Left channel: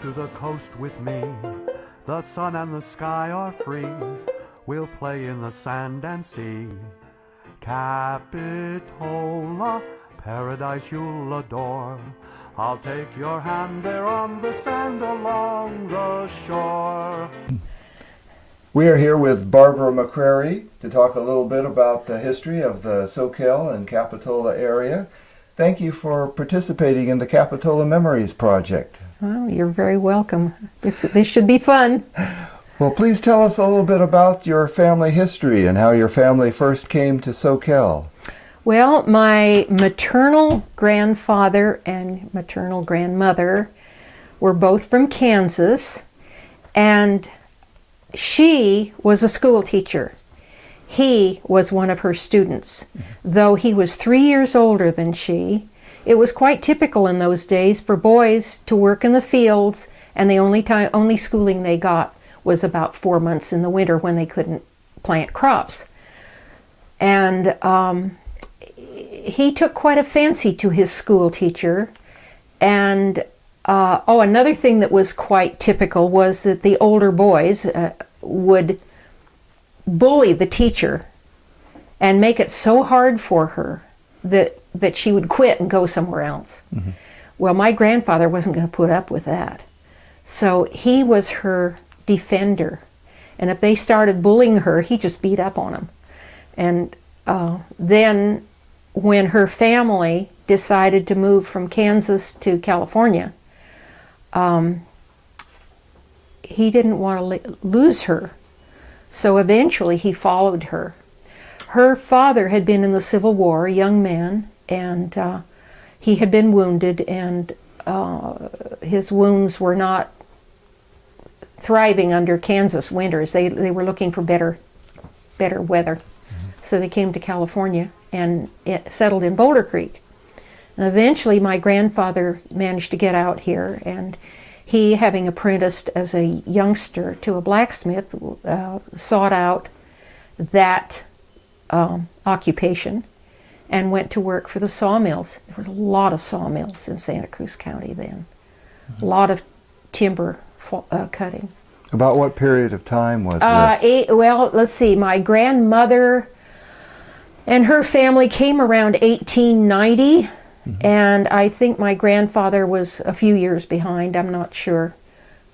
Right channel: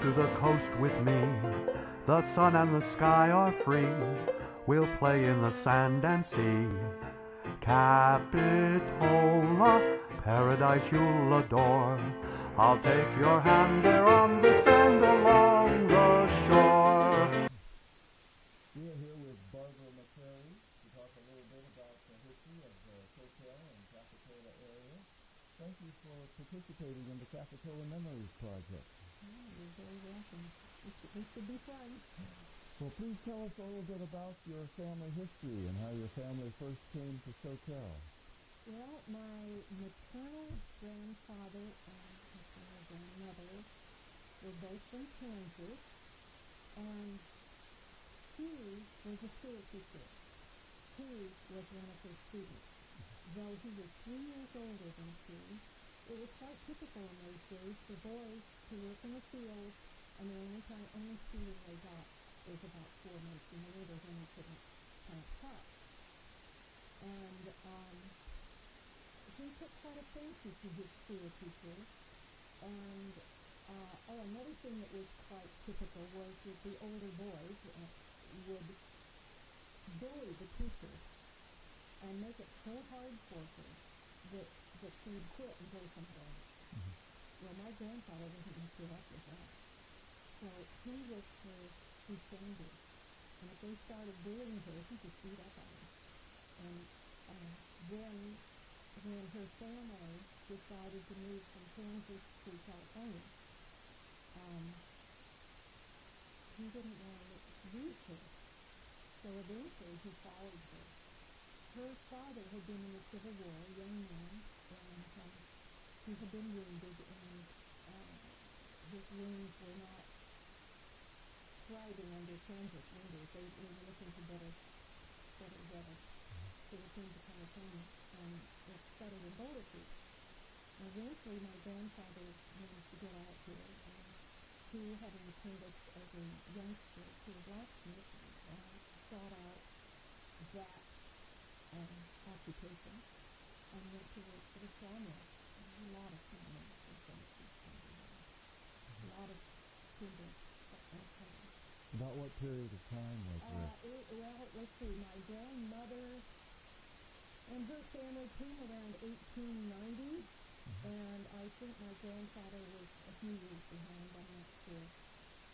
Come to the coast with me. The sun and the sky are free. We'll play in the sand and sea. Capitola, paradise you'll adore. I'll take your hand there on the sand along the shore. We are here with Barbara McCrary to talk a little bit about the history of the Soquel and Capitola area. Thank you for participating in the Capitola Memories Project. Well, you're very welcome. This should be fun. Well, please tell us a little bit about your family history and how your family first came to Soquel. Well, my maternal grandfather and maternal grandmother were both from Kansas, and she was a school teacher. He was one of her students. Though he was 3 years older than she, it was quite typical in those days for boys to work in the fields, and the only schooling they got was about 4 months in the winter when they couldn't plant crops. And he took quite a fancy to his school teacher. And another thing that was quite typical was that the older boys would bully the teacher and make it so hard for her that she would quit and go somewhere else. Mm-hmm. Well, my grandfather wasn't going to put up with that. So he was her defender. And if they started bullying her, he just beat up on them. And then when her family decided to move from Kansas to California, he didn't want to lose her. So eventually he followed her. Her father had been in the Civil War, a young man, and he had been wounded, and his wounds were not thriving under Kansas winters. They were looking for better weather. Mm-hmm. So they came to California and settled in Boulder Creek. And eventually my grandfather managed to get out here, and he, having apprenticed as a youngster to a blacksmith, sought out that occupation and went to work for the sawmills. There was a lot of sawmills in Santa Cruz County then. Mm-hmm. A lot of timber cutting. About what period of time was this? Well, let's see. My grandmother and her family came around 1890, mm-hmm. and I think my grandfather was a few years behind. I'm not sure.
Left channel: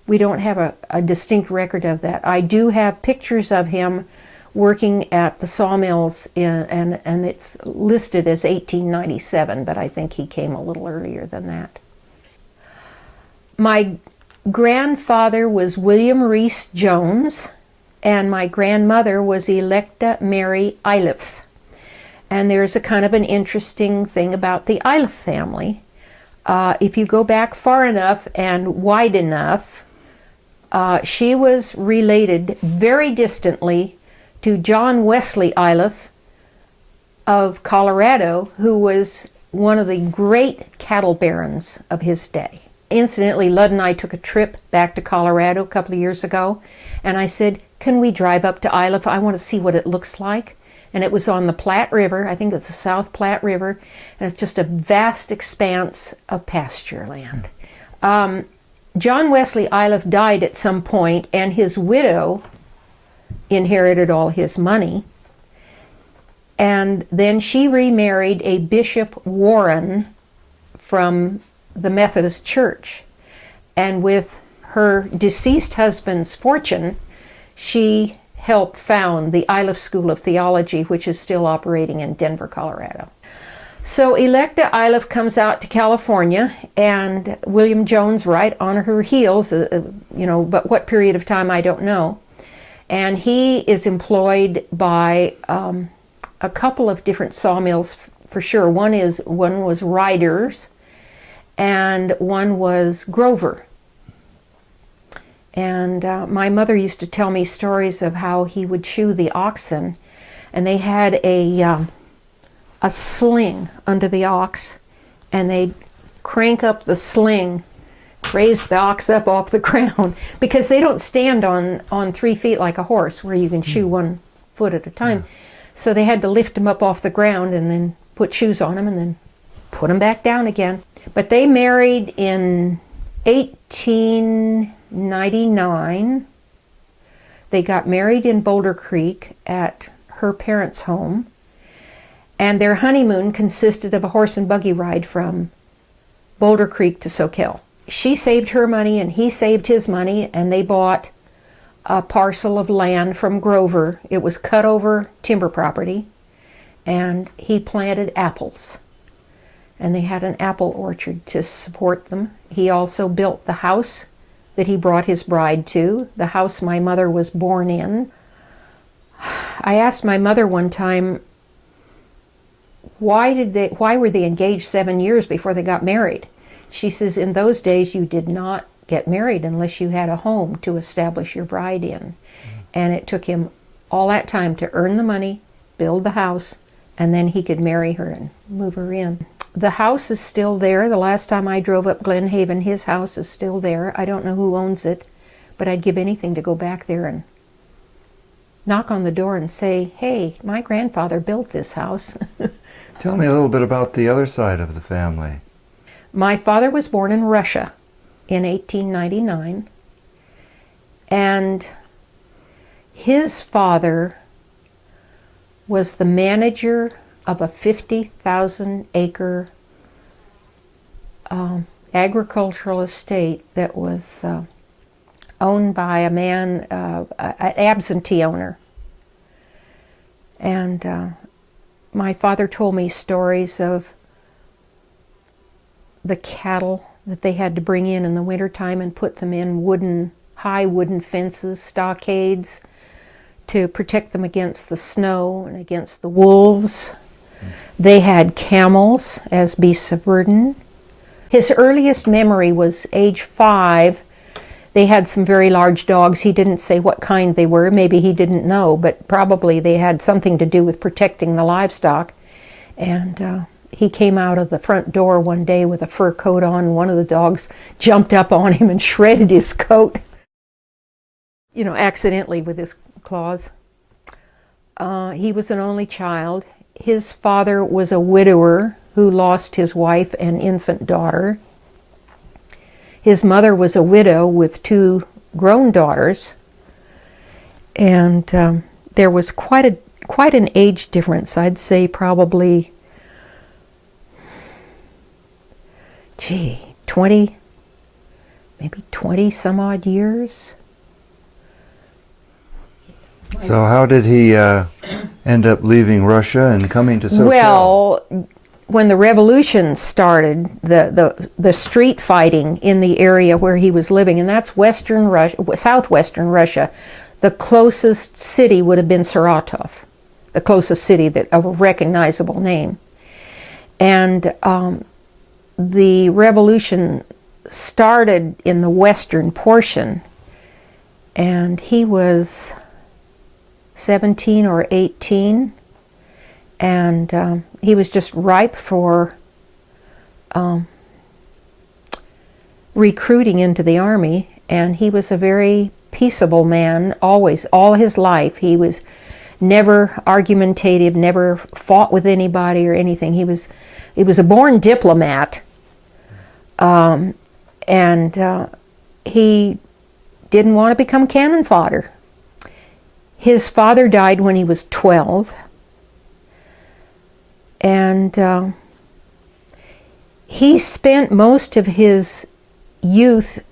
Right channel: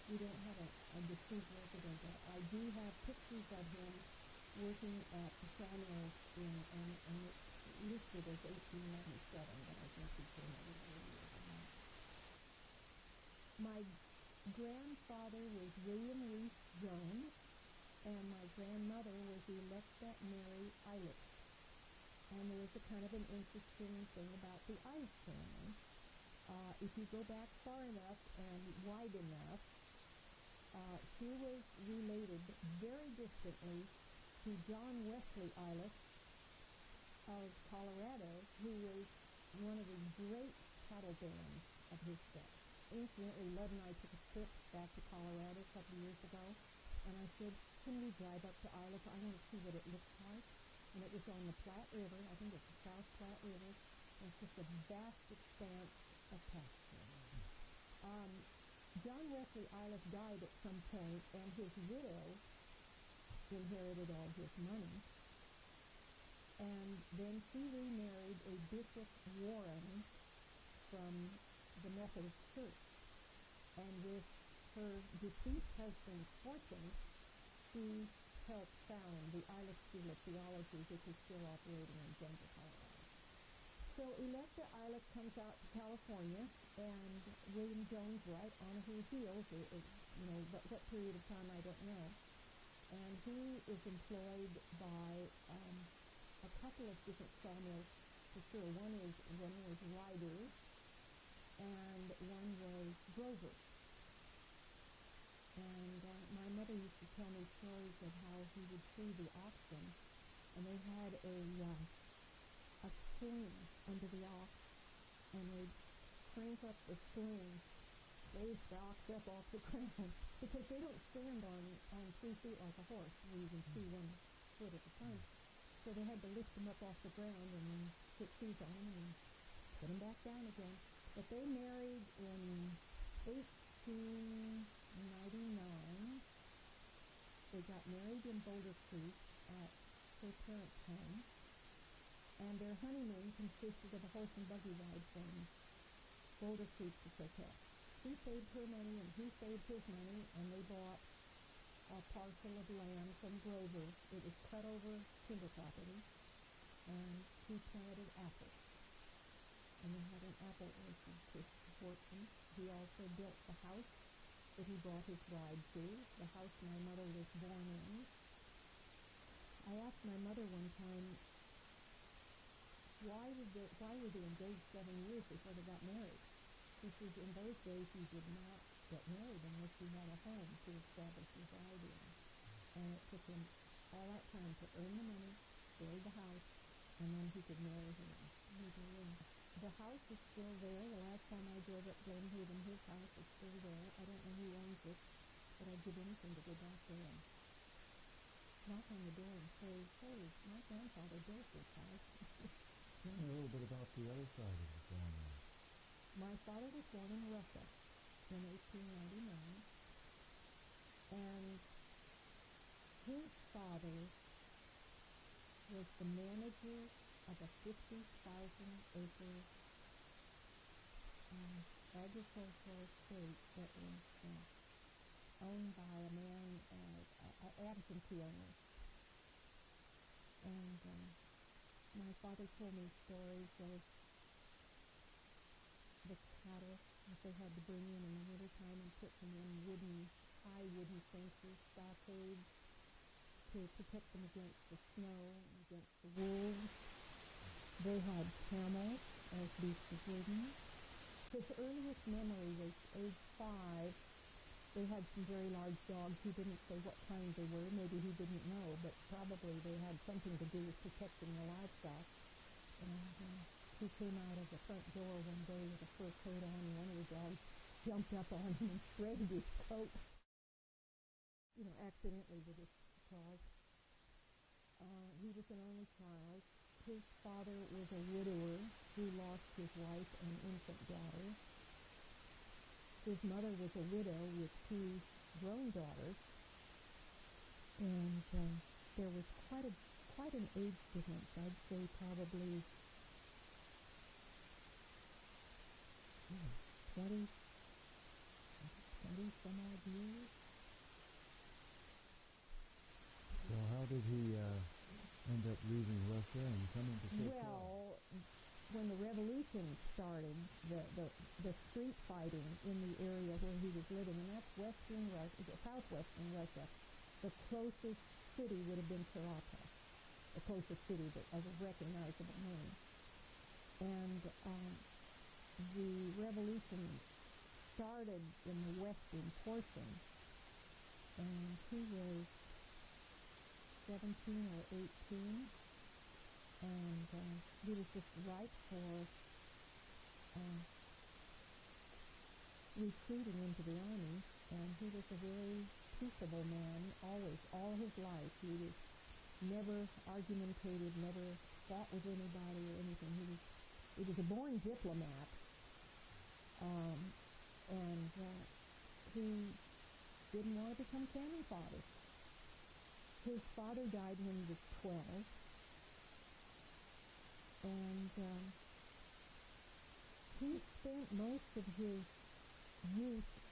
We don't have a distinct record of that. I do have pictures of him working at the sawmills, and it's listed as 1897, but I think he came a little earlier than that. My grandfather was William Reese Jones, and my grandmother was Electa Mary Iliff. And there's a kind of an interesting thing about the Iliff family. If you go back far enough and wide enough, she was related very distantly to John Wesley Iliff of Colorado, who was one of the great cattle barons of his day. Incidentally, Lud and I took a trip back to Colorado a couple of years ago, and I said, can we drive up to Iliff? I want to see what it looks like. And it was on the Platte River. I think it's the South Platte River, and it's just a vast expanse of pasture land. John Wesley Iliff died at some point, and his widow inherited all his money. And then she remarried a Bishop Warren from the Methodist Church. And with her deceased husband's fortune, she helped found the Iliff School of Theology, which is still operating in Denver, Colorado. So Electa Iliff comes out to California, and William Jones right on her heels, but what period of time I don't know. And he is employed by a couple of different sawmills for sure. One was Ryder's, and one was Grover. And my mother used to tell me stories of how he would shoe the oxen, and they had a sling under the ox, and they'd crank up the sling, raise the ox up off the ground, because they don't stand on 3 feet like a horse where you can shoe 1 foot at a time. Yeah. So they had to lift him up off the ground and then put shoes on him and then put him back down again. But they married in 1899. They got married in Boulder Creek at her parents' home, and their honeymoon consisted of a horse and buggy ride from Boulder Creek to Soquel. She saved her money and he saved his money, and they bought a parcel of land from Grover. It was cut over timber property, and he planted apples. And they had an apple orchard to support them. He also built the house that he brought his bride to, the house my mother was born in. I asked my mother one time, why were they engaged 7 years before they got married? She says, in those days you did not get married unless you had a home to establish your bride in. And it took him all that time to earn the money, build the house, and then he could marry her and move her in. The house is still there. The last time I drove up Glen Haven, his house is still there. I don't know who owns it, but I'd give anything to go back there and knock on the door and say, hey, my grandfather built this house. Tell me a little bit about the other side of the family. My father was born in Russia in 1899, and his father was the manager of a 50,000-acre agricultural estate that was owned by a man, an absentee owner. And my father told me stories of the cattle that they had to bring in the wintertime and put them in high wooden fences, stockades, to protect them against the snow and against the wolves. They had camels as beasts of burden. His earliest memory was age 5. They had some very large dogs. He didn't say what kind they were. Maybe he didn't know, but probably they had something to do with protecting the livestock. And he came out of the front door one day with a fur coat on. One of the dogs jumped up on him and shredded his coat, accidentally with his claws. He was an only child. His father was a widower who lost his wife and infant daughter. His mother was a widow with 2 grown daughters, and there was quite an age difference. I'd say probably 20 some odd years. So how did he end up leaving Russia and coming to Soquel? Well, when the revolution started, the street fighting in the area where he was living, and that's western Russia, southwestern Russia, the closest city would have been Saratov, the closest city of a recognizable name. And the revolution started in the western portion, and he was 17 or 18, and he was just ripe for recruiting into the army. And he was a very peaceable man, always, all his life. He was never argumentative, never fought with anybody or anything. He was a born diplomat, and he didn't want to become cannon fodder. His father died when he was 12, and he spent most of his youth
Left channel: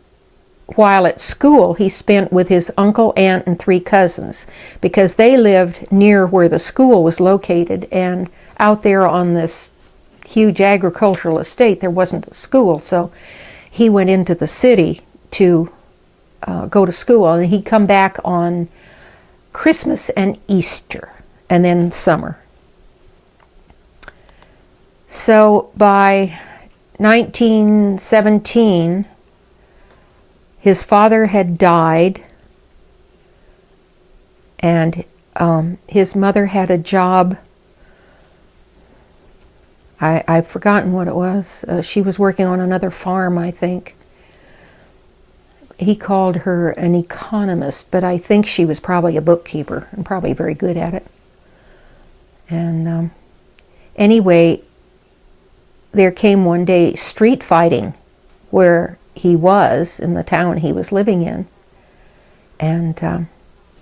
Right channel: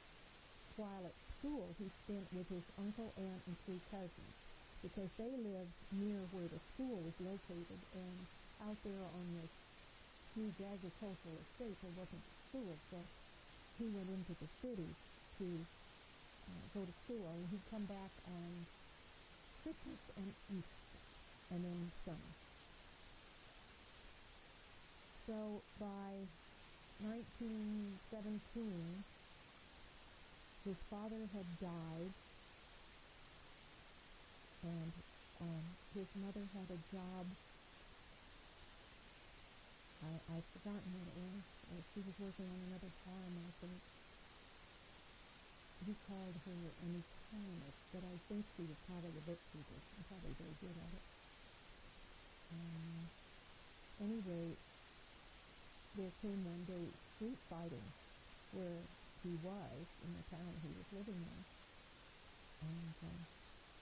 while at school. He spent with his uncle, aunt, and 3 cousins, because they lived near where the school was located, and out there on this huge agricultural estate there wasn't a school, so he went into the city to go to school, and he'd come back on Christmas and Easter, and then summer. So by 1917, his father had died, and his mother had a job. I've forgotten what it was. She was working on another farm, I think. He called her an economist, but I think she was probably a bookkeeper and probably very good at it. And anyway, there came one day street fighting where he was in the town he was living in. And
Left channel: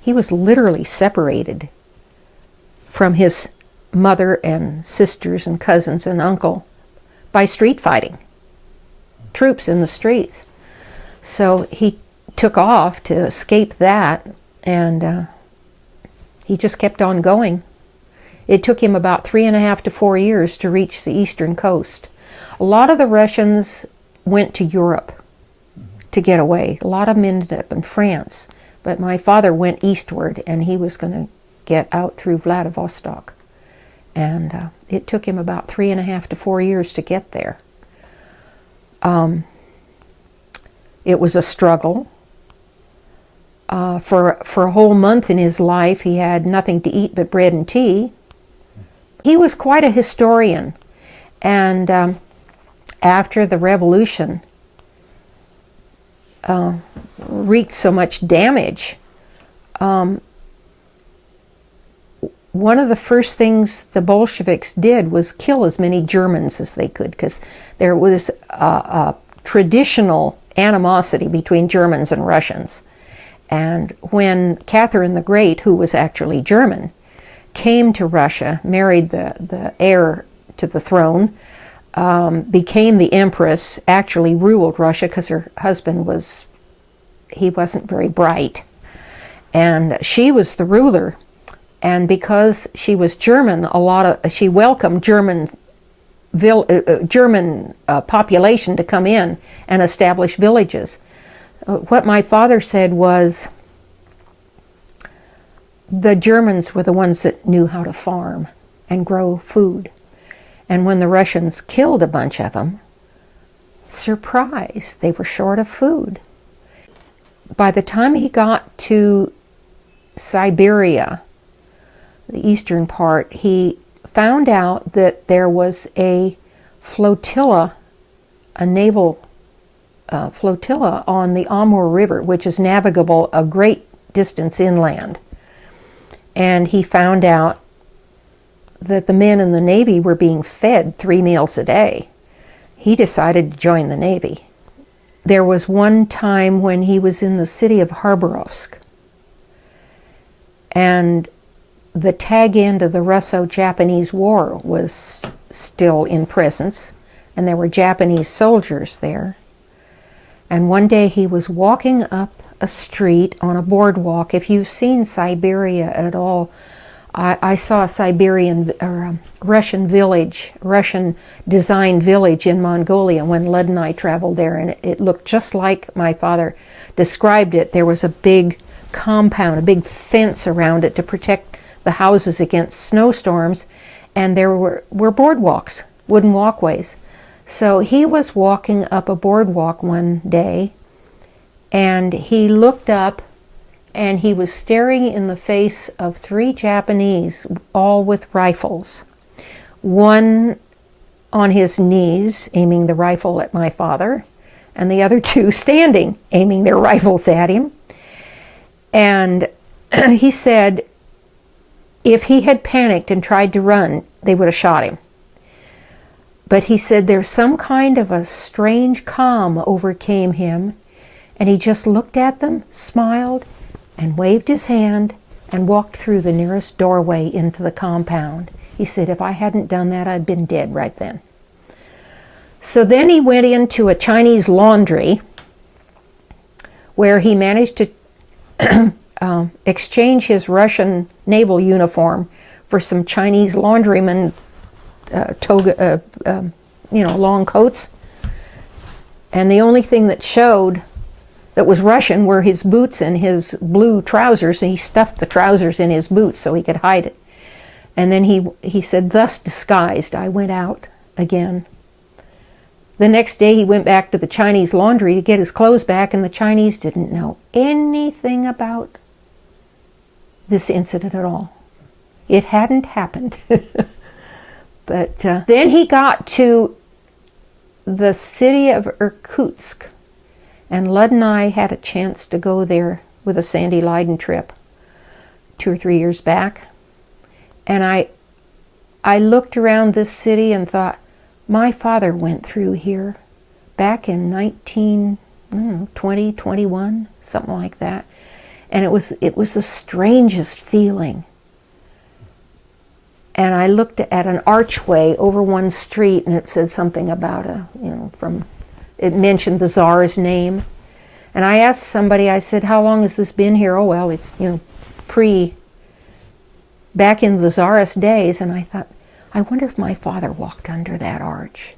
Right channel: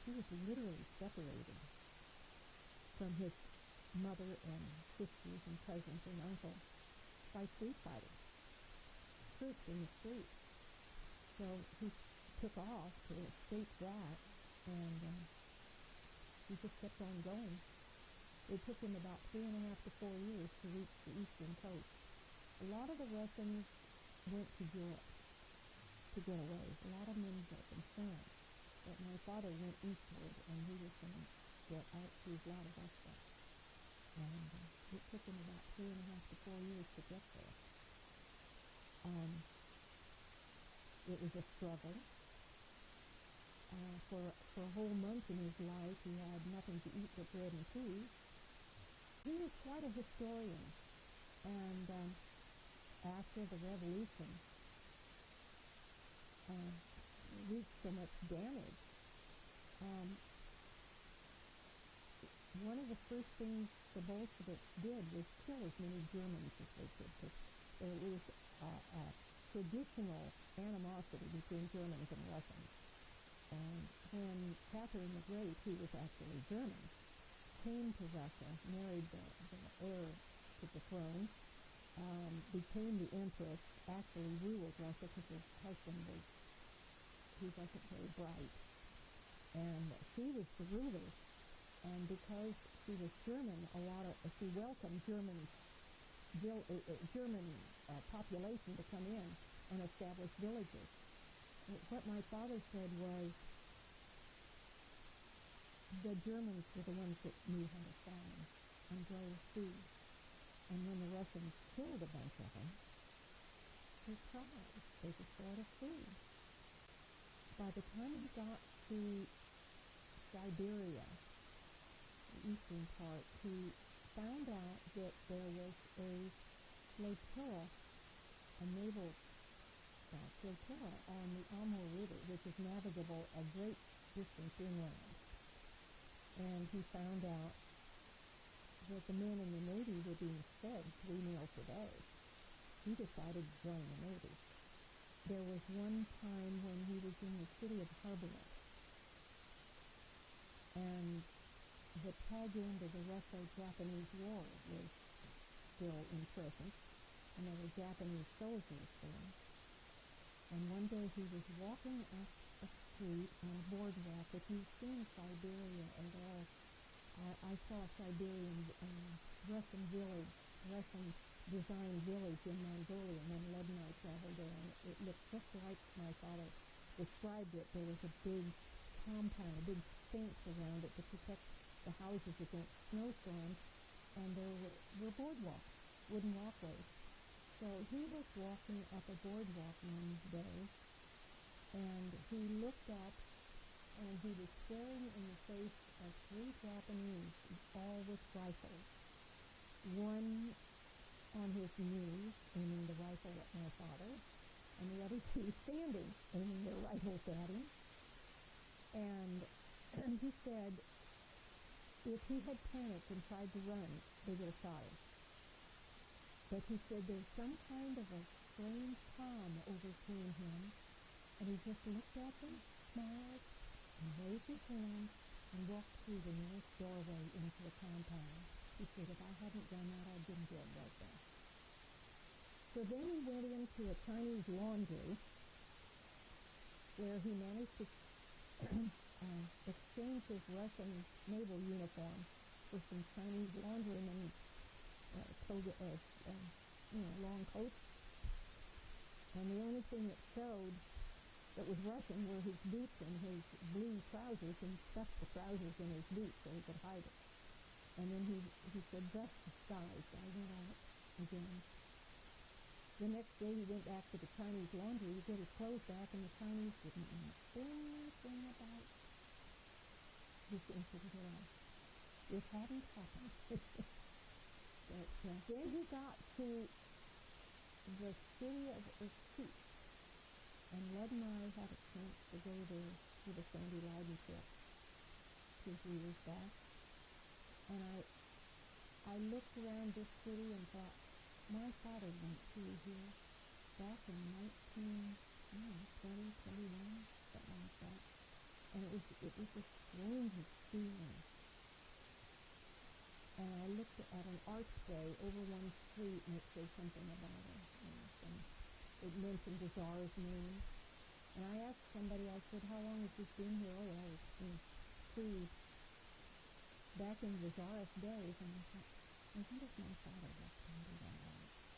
he was literally separated from his mother and sisters and cousins and uncle by street fighting, troops in the streets. So he took off to escape that, and he just kept on going. It took him about 3.5 to 4 years to reach the eastern coast. A lot of the Russians went to Europe to get away. A lot of them ended up in France. But my father went eastward, and he was going to get out through Vladivostok. And it took him about 3.5 to 4 years to get there. It was a struggle. For a whole month in his life, he had nothing to eat but bread and tea. He was quite a historian. And after the revolution wreaked so much damage, one of the first things the Bolsheviks did was kill as many Germans as they could, because there was a traditional animosity between Germans and Russians. And when Catherine the Great, who was actually German, came to Russia, married the heir to the throne, became the empress, actually ruled Russia because her husband wasn't very bright. And she was the ruler. And because she was German, she welcomed German population to come in and establish villages. What my father said was, the Germans were the ones that knew how to farm and grow food. And when the Russians killed a bunch of them, surprise, they were short of food. By the time he got to Siberia, the eastern part, he found out that there was a flotilla, a naval flotilla on the Amur River, which is navigable a great distance inland. And he found out that the men in the Navy were being fed 3 meals a day. He decided to join the Navy. There was one time when he was in the city of Khabarovsk, and the tag end of the Russo-Japanese War was still in presence, and there were Japanese soldiers there. And one day he was walking up a street on a boardwalk. If you've seen Siberia at all, I saw a Siberian or a Russian village, Russian designed village in Mongolia when Lud and I traveled there, and it looked just like my father described it. There was a big compound, a big fence around it to protect the houses against snowstorms, and there were boardwalks, wooden walkways. So he was walking up a boardwalk one day, and he looked up, and he was staring in the face of 3 Japanese, all with rifles. One on his knees, aiming the rifle at my father, and the other 2 standing, aiming their rifles at him. And he said if he had panicked and tried to run, they would have shot him. But he said there's some kind of a strange calm overcame him, and he just looked at them, smiled, and waved his hand, and walked through the nearest doorway into the compound. He said, if I hadn't done that, I'd been dead right then. So then he went into a Chinese laundry, where he managed to exchange his Russian naval uniform for some Chinese laundrymen toga, long coats. And the only thing that showed that was Russian were his boots and his blue trousers, and he stuffed the trousers in his boots so he could hide it. And then he said, thus disguised, I went out again. The next day he went back to the Chinese laundry to get his clothes back, and the Chinese didn't know anything about this incident at all. It hadn't happened. But then he got to the city of Irkutsk, and Lud and I had a chance to go there with a Sandy Leiden trip 2 or 3 years back. And I looked around this city and thought, my father went through here back in 1920, 21, something like that. And it was the strangest feeling. And I looked at an archway over one street, and it said something about it mentioned the Tsar's name. And I asked somebody, I said, how long has this been here? Oh, well, it's, back in the Tsarist days. And I thought, I wonder if my father walked under that arch.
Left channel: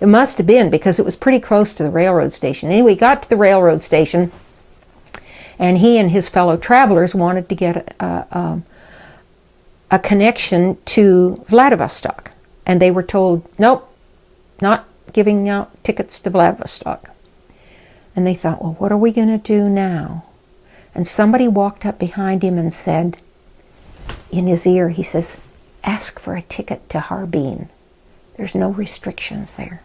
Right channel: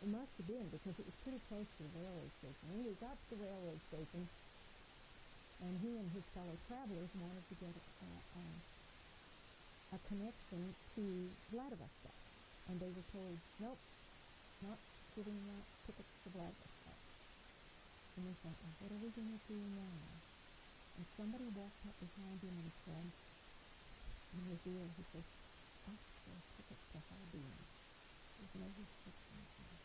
It must have been, because it was pretty close to the railroad station. Anyway, he got to the railroad station, and he and his fellow travelers wanted to get a connection to Vladivostok. And they were told, nope, not giving out tickets to Vladivostok. And they thought, well, what are we going to do now? And somebody walked up behind him and said, in his ear, he says, ask for a ticket to Harbin. There's no restrictions there.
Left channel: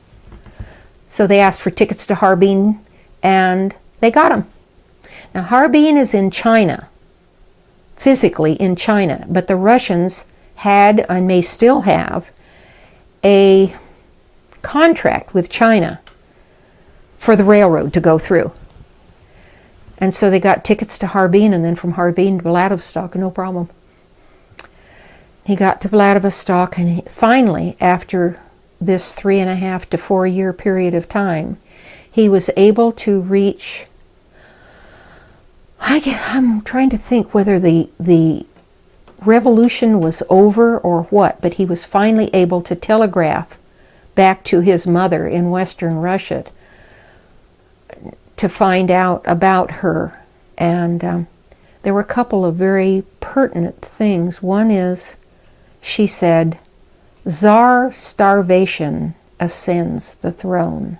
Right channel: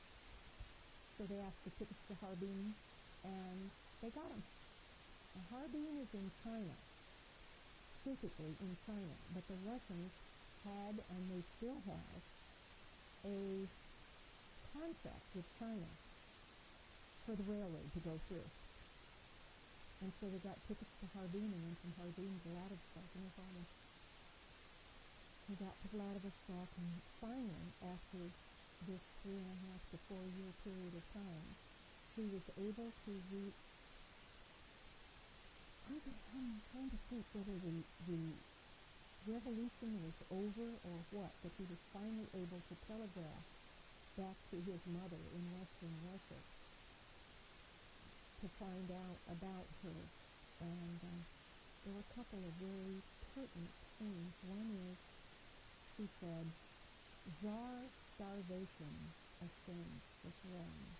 So they asked for tickets to Harbin, and they got them. Now, Harbin is in China, physically in China, but the Russians had, and may still have, a contract with China for the railroad to go through. And so they got tickets to Harbin, and then from Harbin to Vladivostok, no problem. He got to Vladivostok, and finally, after this 3.5 to 4 year period of time, he was able to reach, I'm trying to think whether the revolution was over or what, but he was finally able to telegraph back to his mother in Western Russia to find out about her. And there were a couple of very pertinent things. One is, she said, Tsar starvation ascends the throne.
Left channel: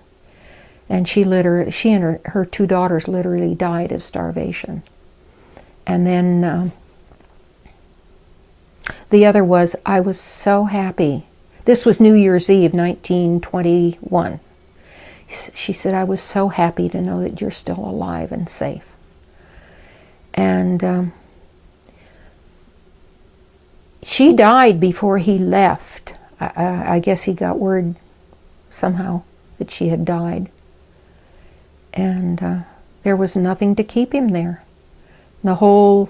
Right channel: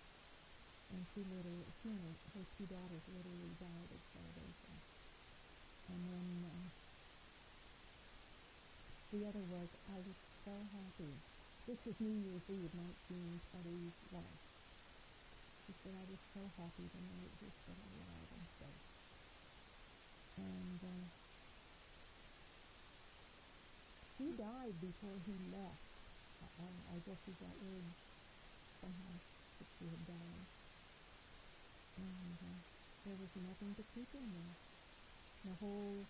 And she and her 2 daughters literally died of starvation. And then the other was, I was so happy. This was New Year's Eve, 1921. She said, I was so happy to know that you're still alive and safe. And she died before he left. I guess he got word somehow that she had died. And there was nothing to keep him there. The whole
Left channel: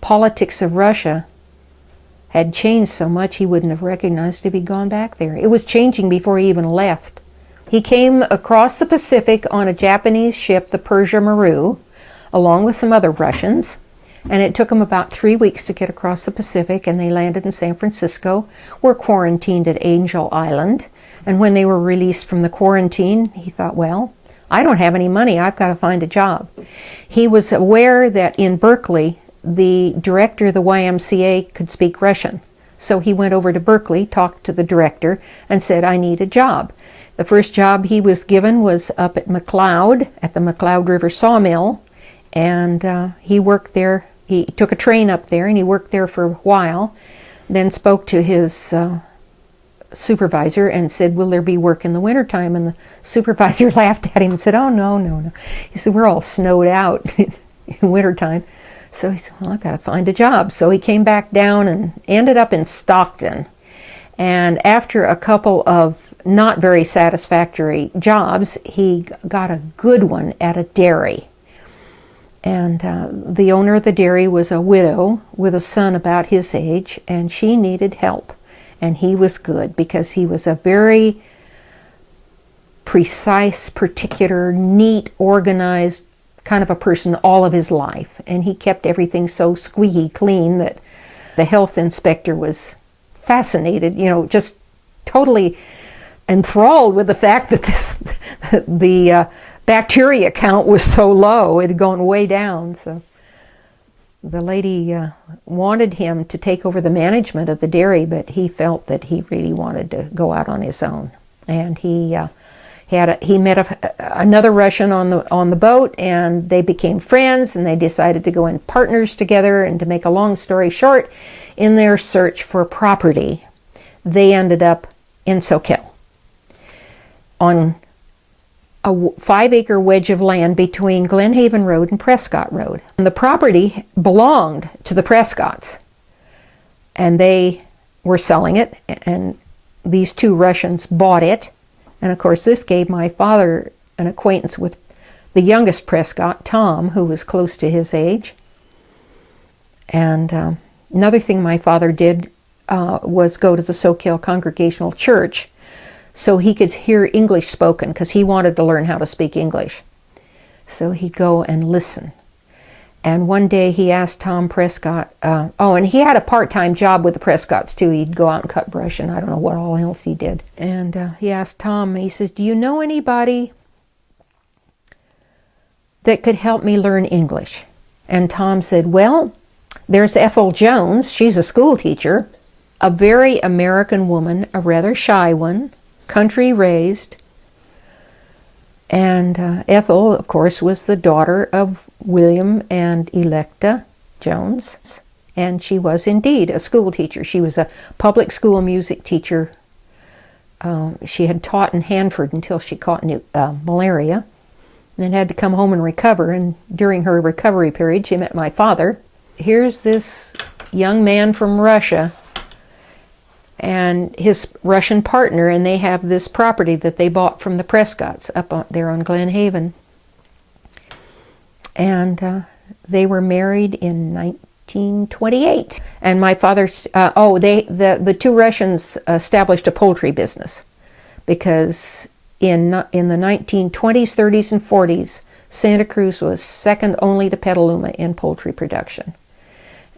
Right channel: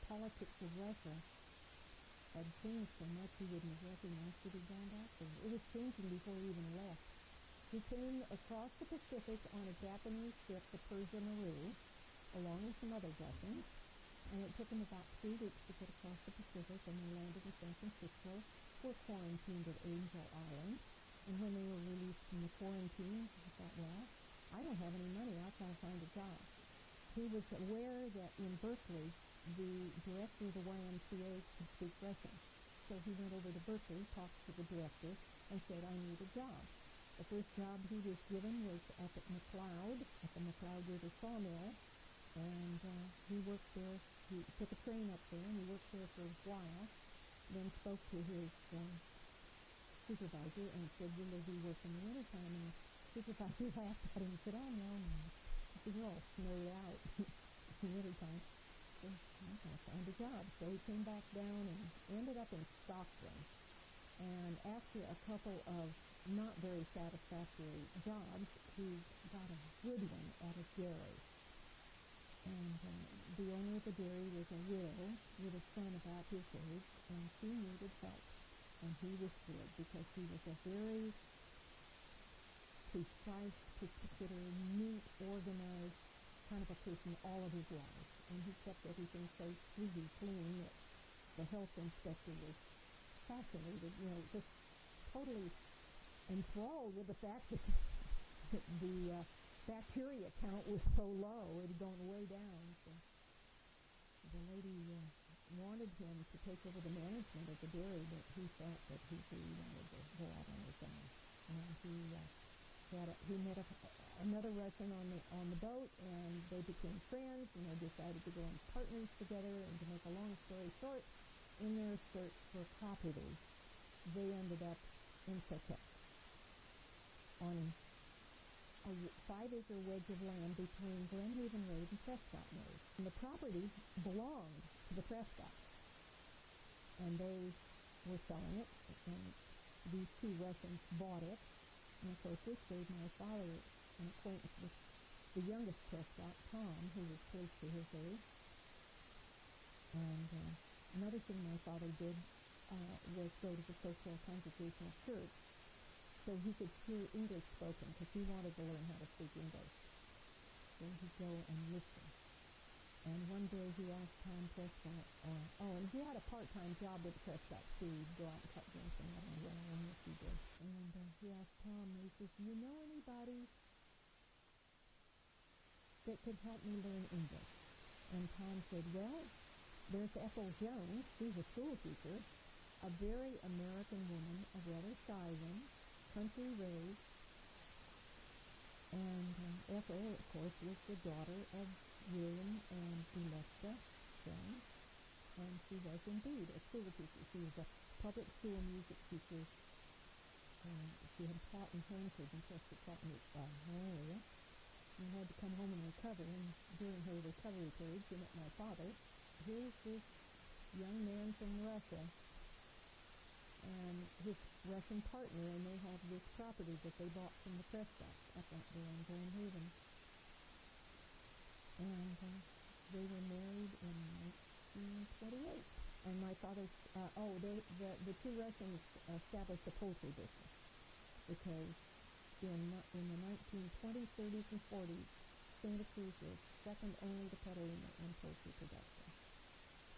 politics of Russia had changed so much he wouldn't have recognized if he'd gone back there. It was changing before he even left. He came across the Pacific on a Japanese ship, the Persia Maru, along with some other Russians. And it took them about 3 weeks to get across the Pacific, and they landed in San Francisco, were quarantined at Angel Island. And when they were released from the quarantine, he thought, well, I don't have any money, I've got to find a job. He was aware that in Berkeley, the director of the YMCA could speak Russian. So he went over to Berkeley, talked to the director, and said, I need a job. The first job he was given was up at McLeod, at the McLeod River Sawmill, and he worked there. He took a train up there, and he worked there for a while, then spoke to his supervisor and said, will there be work in the wintertime? And the supervisor laughed at him and said, oh, no. He said, we're all snowed out in wintertime. So he said, well, I've got to find a job. So he came back down and ended up in Stockton. And after a couple of not very satisfactory jobs, he got a good one at a dairy. And the owner of the dairy was a widow with a son about his age, and she needed help. And he was good because he was a very precise, particular, neat, organized kind of a person all of his life. And he kept everything so squeaky clean that the health inspector was fascinated, just totally enthralled with the fact that the bacteria count was so low. It had gone way down. So the lady wanted him to take over the management of the dairy, but he felt that he really wanted to go out on his own. And he met another Russian on the boat, and they became friends, and they decided to go in partners together. And to make a long story short, in their search for property, they ended up in Soquel on a 5-acre wedge of land between Glen Haven Road and Prescott Road. And the property belonged to the Prescotts, and they were selling it, and these 2 Russians bought it, And of course, this gave my father an acquaintance with the youngest Prescott, Tom, who was close to his age. And another thing my father did was go to the Soquel Congregational Church so he could hear English spoken, because he wanted to learn how to speak English. So he'd go and listen. And one day he asked Tom Prescott, and he had a part-time job with the Prescotts too. He'd go out and cut brush, and I don't know what all else he did. And he asked Tom, he says, "Do you know anybody that could help me learn English?" And Tom said, "Well, there's Ethel Jones. She's a school teacher, a very American woman, a rather shy one, country raised." And Ethel, of course, was the daughter of William and Electa Jones, and she was indeed a school teacher. She was a public school music teacher. She had taught in Hanford until she caught malaria, and then had to come home and recover. And during her recovery period, she met my father. Here's this young man from Russia and his Russian partner, and they have this property that they bought from the Prescotts up there on Glen Haven. And they were married in 1928. And my father, the two Russians established a poultry business, because in the 1920s, 30s, and 40s, Santa Cruz was second only to Petaluma in poultry production.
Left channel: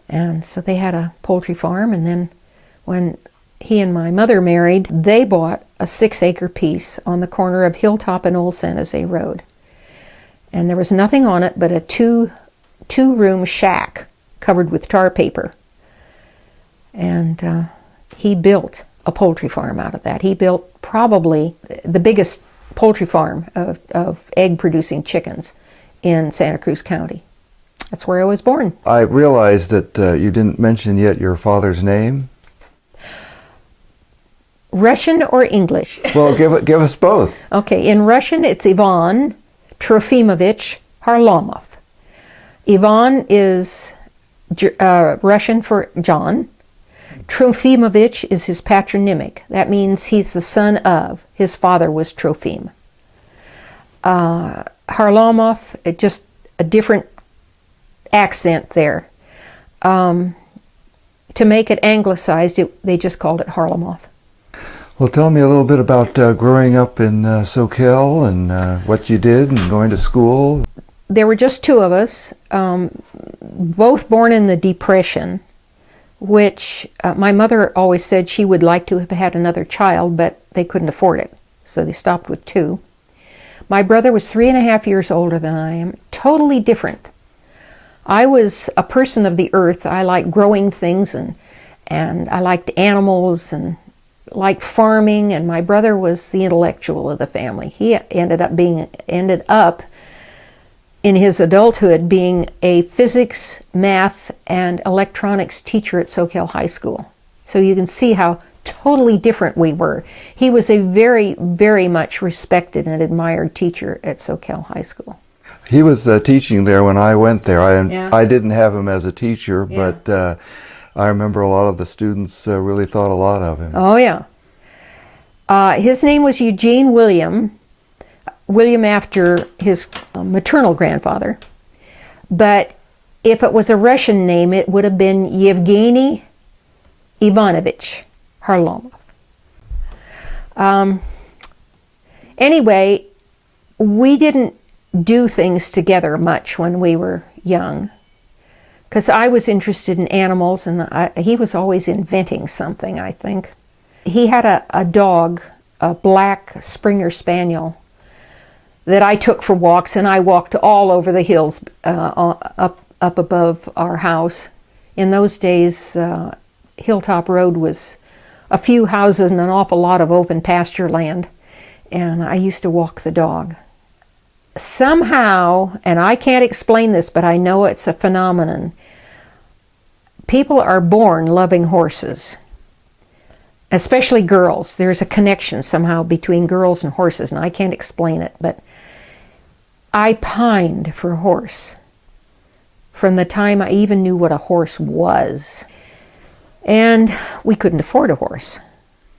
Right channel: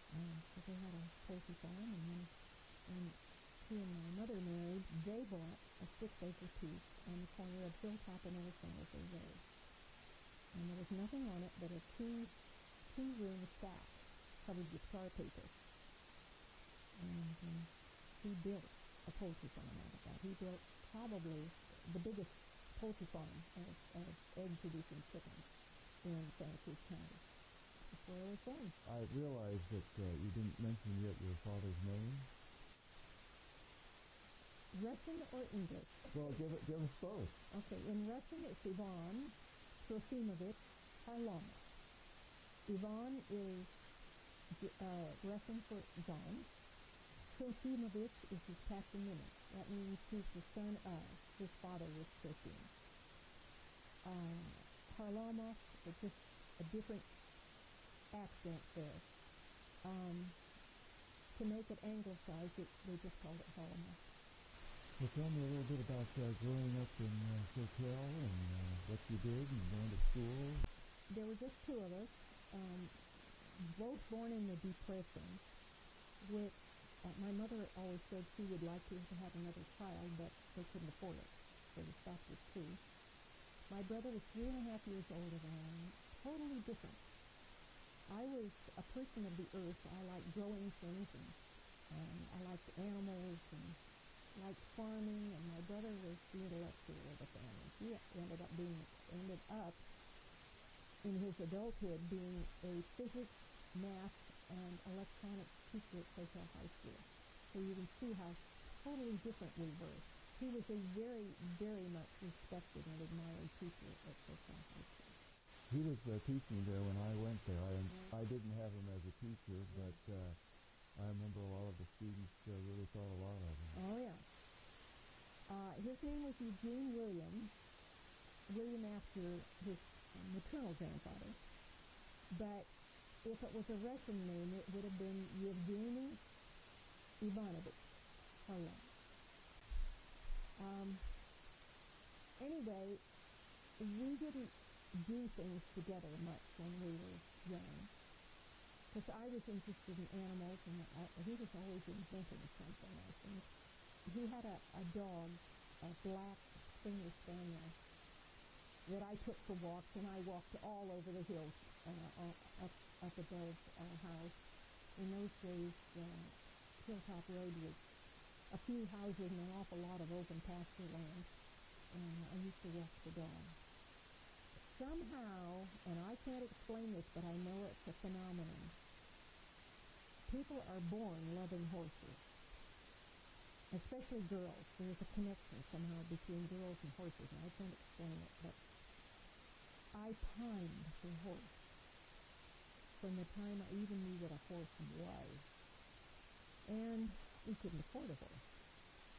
And so they had a poultry farm, and then when he and my mother married, they bought a 6-acre piece on the corner of Hilltop and Old San Jose Road. And there was nothing on it but a two-room shack covered with tar paper. And he built a poultry farm out of that. He built probably the biggest poultry farm of egg-producing chickens in Santa Cruz County. That's where I was born. I realized that you didn't mention yet your father's name. Russian or English? Well, give us both. Okay, in Russian it's Ivan Trofimovich Harlamov. Ivan is Russian for John. Trofimovich is his patronymic. That means he's the son of. His father was Trofim. Harlamov, just a different accent there. To make it anglicized, they just called it Harlamov. Well, tell me a little bit about growing up in Soquel and what you did and going to school. There were just two of us, both born in the Depression, which my mother always said she would like to have had another child, but they couldn't afford it, so they stopped with two. My brother was 3.5 years older than I am, totally different. I was a person of the earth. I liked growing things, and I liked animals and liked farming, and my brother was the intellectual of the family. He ended up in his adulthood being a physics, math, and electronics teacher at Soquel High School. So you can see how totally different we were. He was a very, very much respected and admired teacher at Soquel High School. He was teaching there when I went there. Yeah. I didn't have him as a teacher, Yeah. but I remember a lot of the students really thought a lot of him. Oh, yeah. His name was Eugene William after his maternal grandfather. But if it was a Russian name, it would have been Yevgeny Ivanovich Harlamov. Anyway, we didn't do things together much when we were young, because I was interested in animals, and he was always inventing something, I think. He had a dog, a black Springer Spaniel, that I took for walks, and I walked all over the hills up above our house. In those days, Hilltop Road was a few houses and an awful lot of open pasture land, and I used to walk the dog. Somehow, and I can't explain this, but I know it's a phenomenon, people are born loving horses, especially girls. There's a connection somehow between girls and horses, and I can't explain it, but I pined for a horse from the time I even knew what a horse was. And we couldn't afford a horse.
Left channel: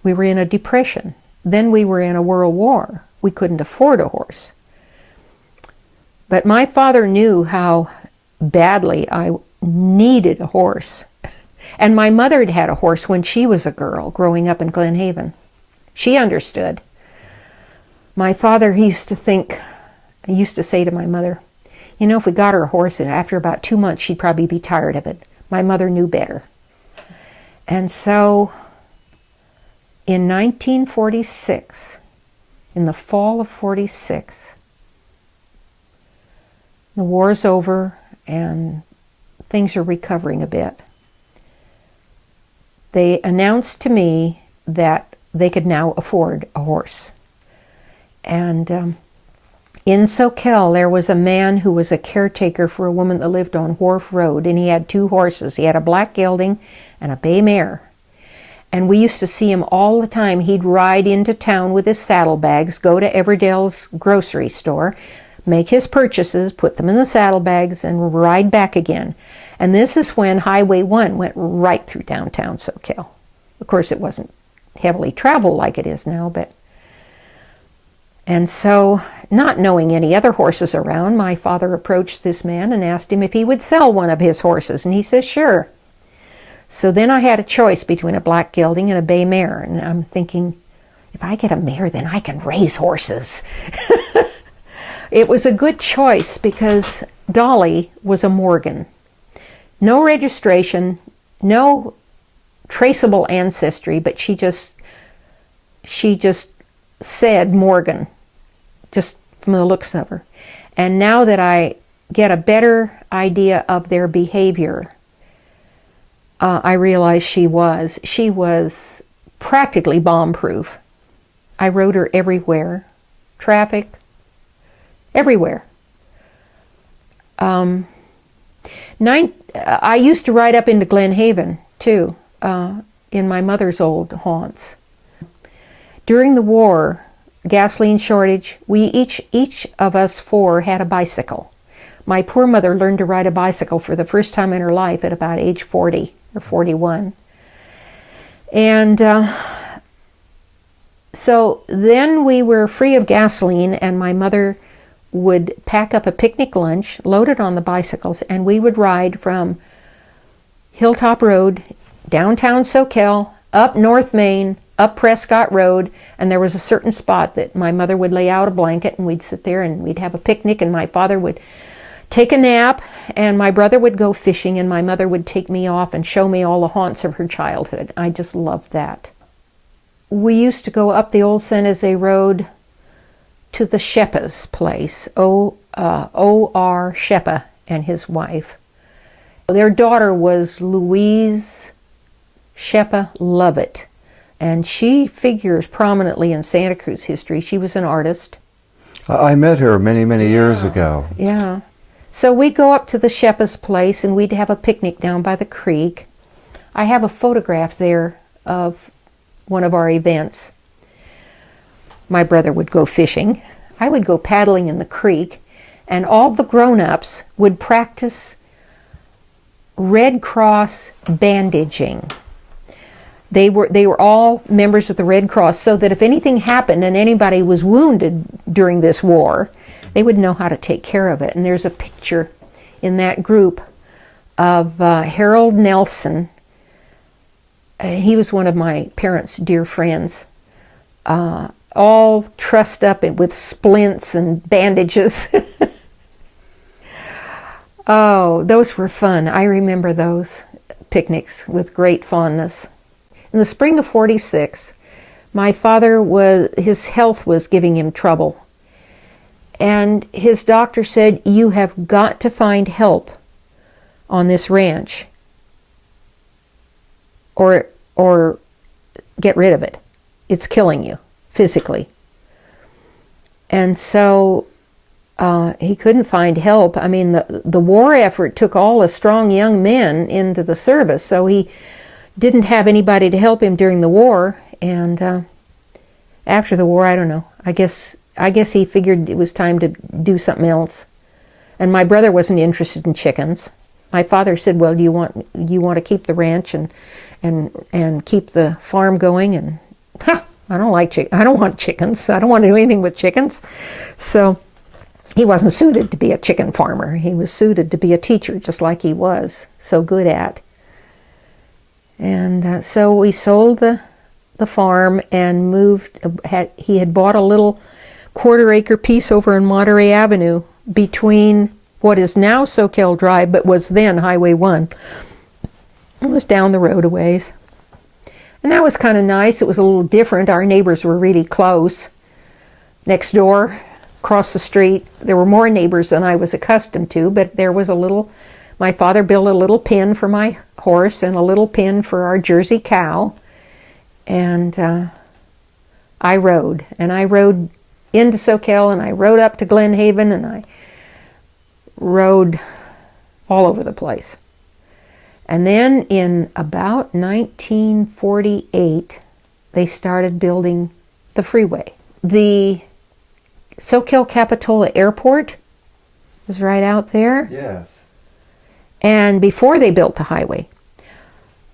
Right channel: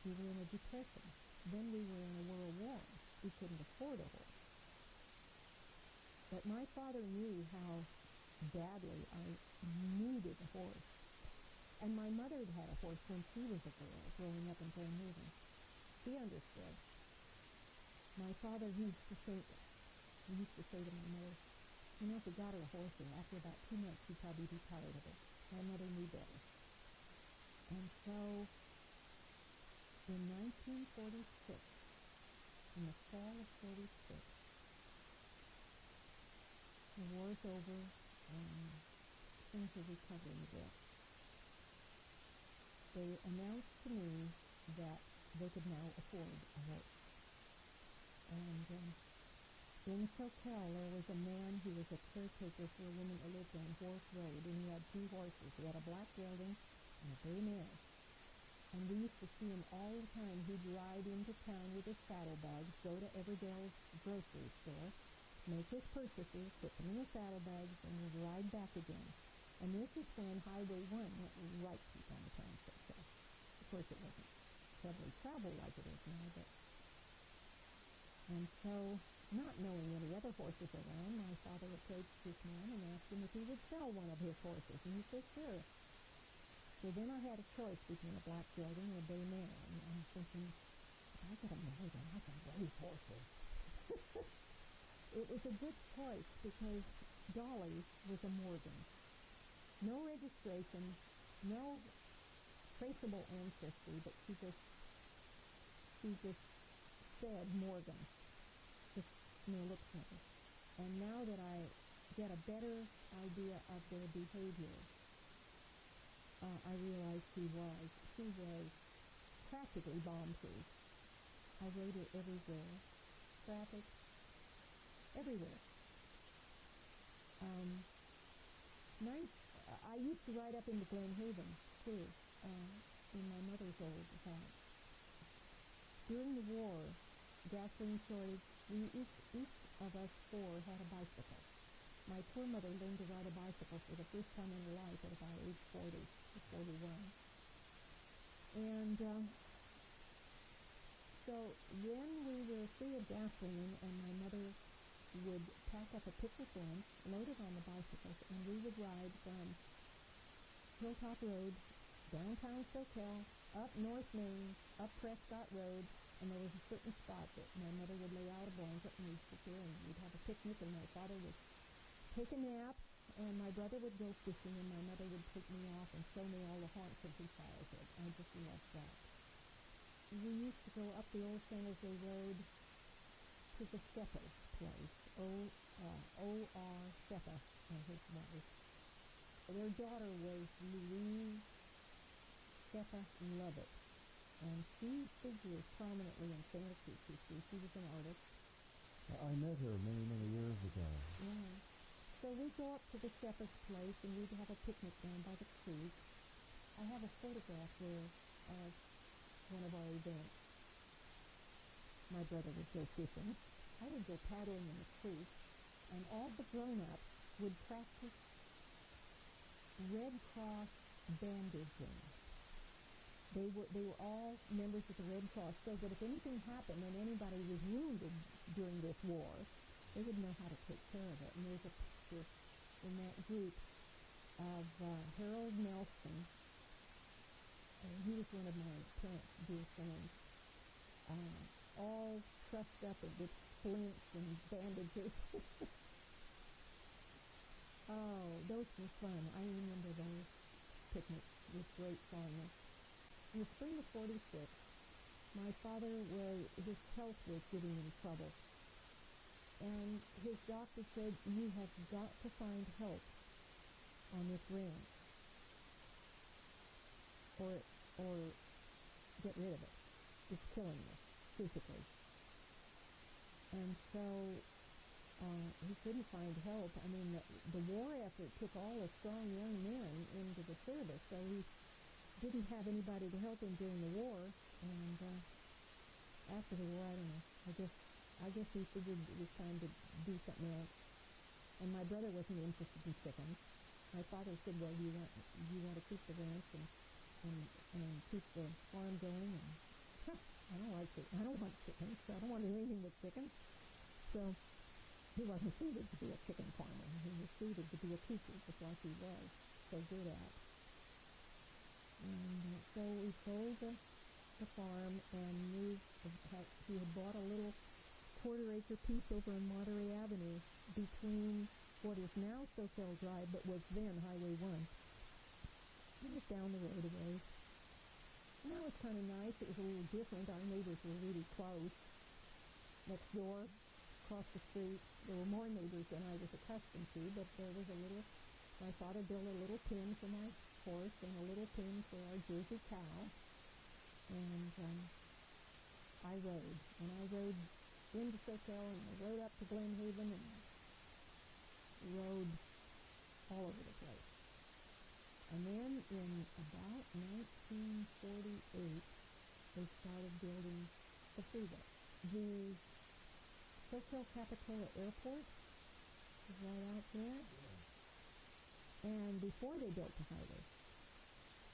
We were in a depression. then we were in a world war. We couldn't afford a horse. But my father knew how badly I needed a horse. And my mother had had a horse when she was a girl growing up in Glen Haven. She understood. My father used to say to my mother, you know, if we got her a horse and after about 2 months she'd probably be tired of it. My mother knew better. And so in 1946, in the fall of 46, the war's over and things are recovering a bit. They announced to me that they could now afford a horse. And in Soquel, there was a man who was a caretaker for a woman that lived on Wharf Road, and he had 2 horses. He had a black gelding and a bay mare. And we used to see him all the time. He'd ride into town with his saddlebags, go to Everdale's grocery store, make his purchases, put them in the saddlebags, and ride back again. And this is when Highway 1 went right through downtown Soquel. Of course, it wasn't heavily traveled like it is now, but... And so, not knowing any other horses around, my father approached this man and asked him if he would sell one of his horses, and he says, sure. So then I had a choice between a black gelding and a bay mare, and I'm thinking, if I get a mare, then I can raise horses. It was a good choice because Dolly was a Morgan. No registration, no traceable ancestry, but she just said Morgan, just from the looks of her. And now that I get a better idea of their behavior, I realize she was practically bomb-proof. I rode her everywhere, traffic, everywhere. I used to ride up into Glen Haven, too, in my mother's old haunts. During the war, gasoline shortage, we each of us 4 had a bicycle. My poor mother learned to ride a bicycle for the first time in her life at about age 40 or 41. And so then we were free of gasoline, and my mother would pack up a picnic lunch, load it on the bicycles, and we would ride from Hilltop Road, downtown Soquel, up North Main, up Prescott Road, and there was a certain spot that my mother would lay out a blanket, and we'd sit there and we'd have a picnic, and my father would take a nap, and my brother would go fishing, and my mother would take me off and show me all the haunts of her childhood. I just loved that. We used to go up the old San Jose Road to the Sheppa's place, O.R. Sheppa and his wife. Their daughter was Louise Lovett, and she figures prominently in Santa Cruz history. She was an artist. I met her many, many years ago. Yeah. So we'd go up to the Sheppa's place and we'd have a picnic down by the creek. I have a photograph there of one of our events. My brother would go fishing. I would go paddling in the creek, and all the grown-ups would practice Red Cross bandaging. They were all members of the Red Cross, so that if anything happened and anybody was wounded during this war, they would know how to take care of it. And there's a picture in that group of Harold Nelson. He was one of my parents' dear friends, all trussed up with splints and bandages. Oh, those were fun. I remember those picnics with great fondness. In the spring of 46, my father his health was giving him trouble. And his doctor said, you have got to find help on this ranch or get rid of it. It's killing you physically. And so he couldn't find help. I mean, the war effort took all the strong young men into the service, so he didn't have anybody to help him during the war. And after the war, I don't know. I guess he figured it was time to do something else. And my brother wasn't interested in chickens. My father said, well, you want to keep the ranch and keep the farm going? And I don't want chickens. I don't want to do anything with chickens. So he wasn't suited to be a chicken farmer. He was suited to be a teacher, just like he was so good at. And so we sold the farm and moved. He had bought a little quarter-acre piece over in Monterey Avenue between what is now Soquel Drive, but was then Highway 1. It was down the road a ways. And that was kind of nice. It was a little different. Our neighbors were really close. Next door, across the street, there were more neighbors than I was accustomed to, but there was my father built a little pen for my horse and a little pen for our Jersey cow. And I rode. And I rode into Soquel, and I rode up to Glen Haven, and I rode all over the place. And then in about 1948, they started building the freeway. The Soquel Capitola Airport was right out there. Yes. And before they built the highway,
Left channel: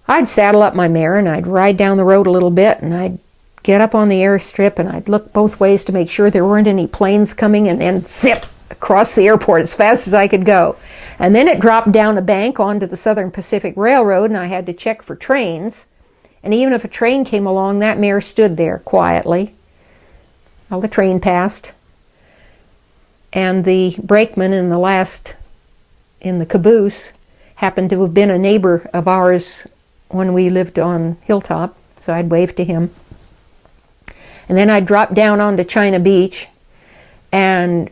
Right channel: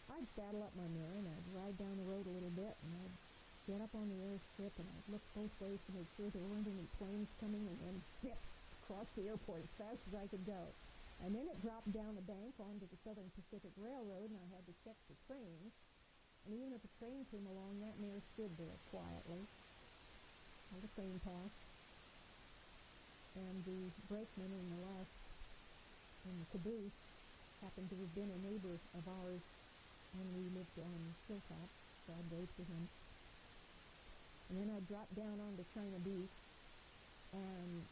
I'd saddle up my mare and I'd ride down the road a little bit, and I'd get up on the airstrip and I'd look both ways to make sure there weren't any planes coming, and then zip across the airport as fast as I could go. And then it dropped down a bank onto the Southern Pacific Railroad, and I had to check for trains. And even if a train came along, that mare stood there quietly while the train passed. And the brakeman in the caboose happened to have been a neighbor of ours when we lived on Hilltop, so I'd wave to him. And then I'd drop down onto China Beach and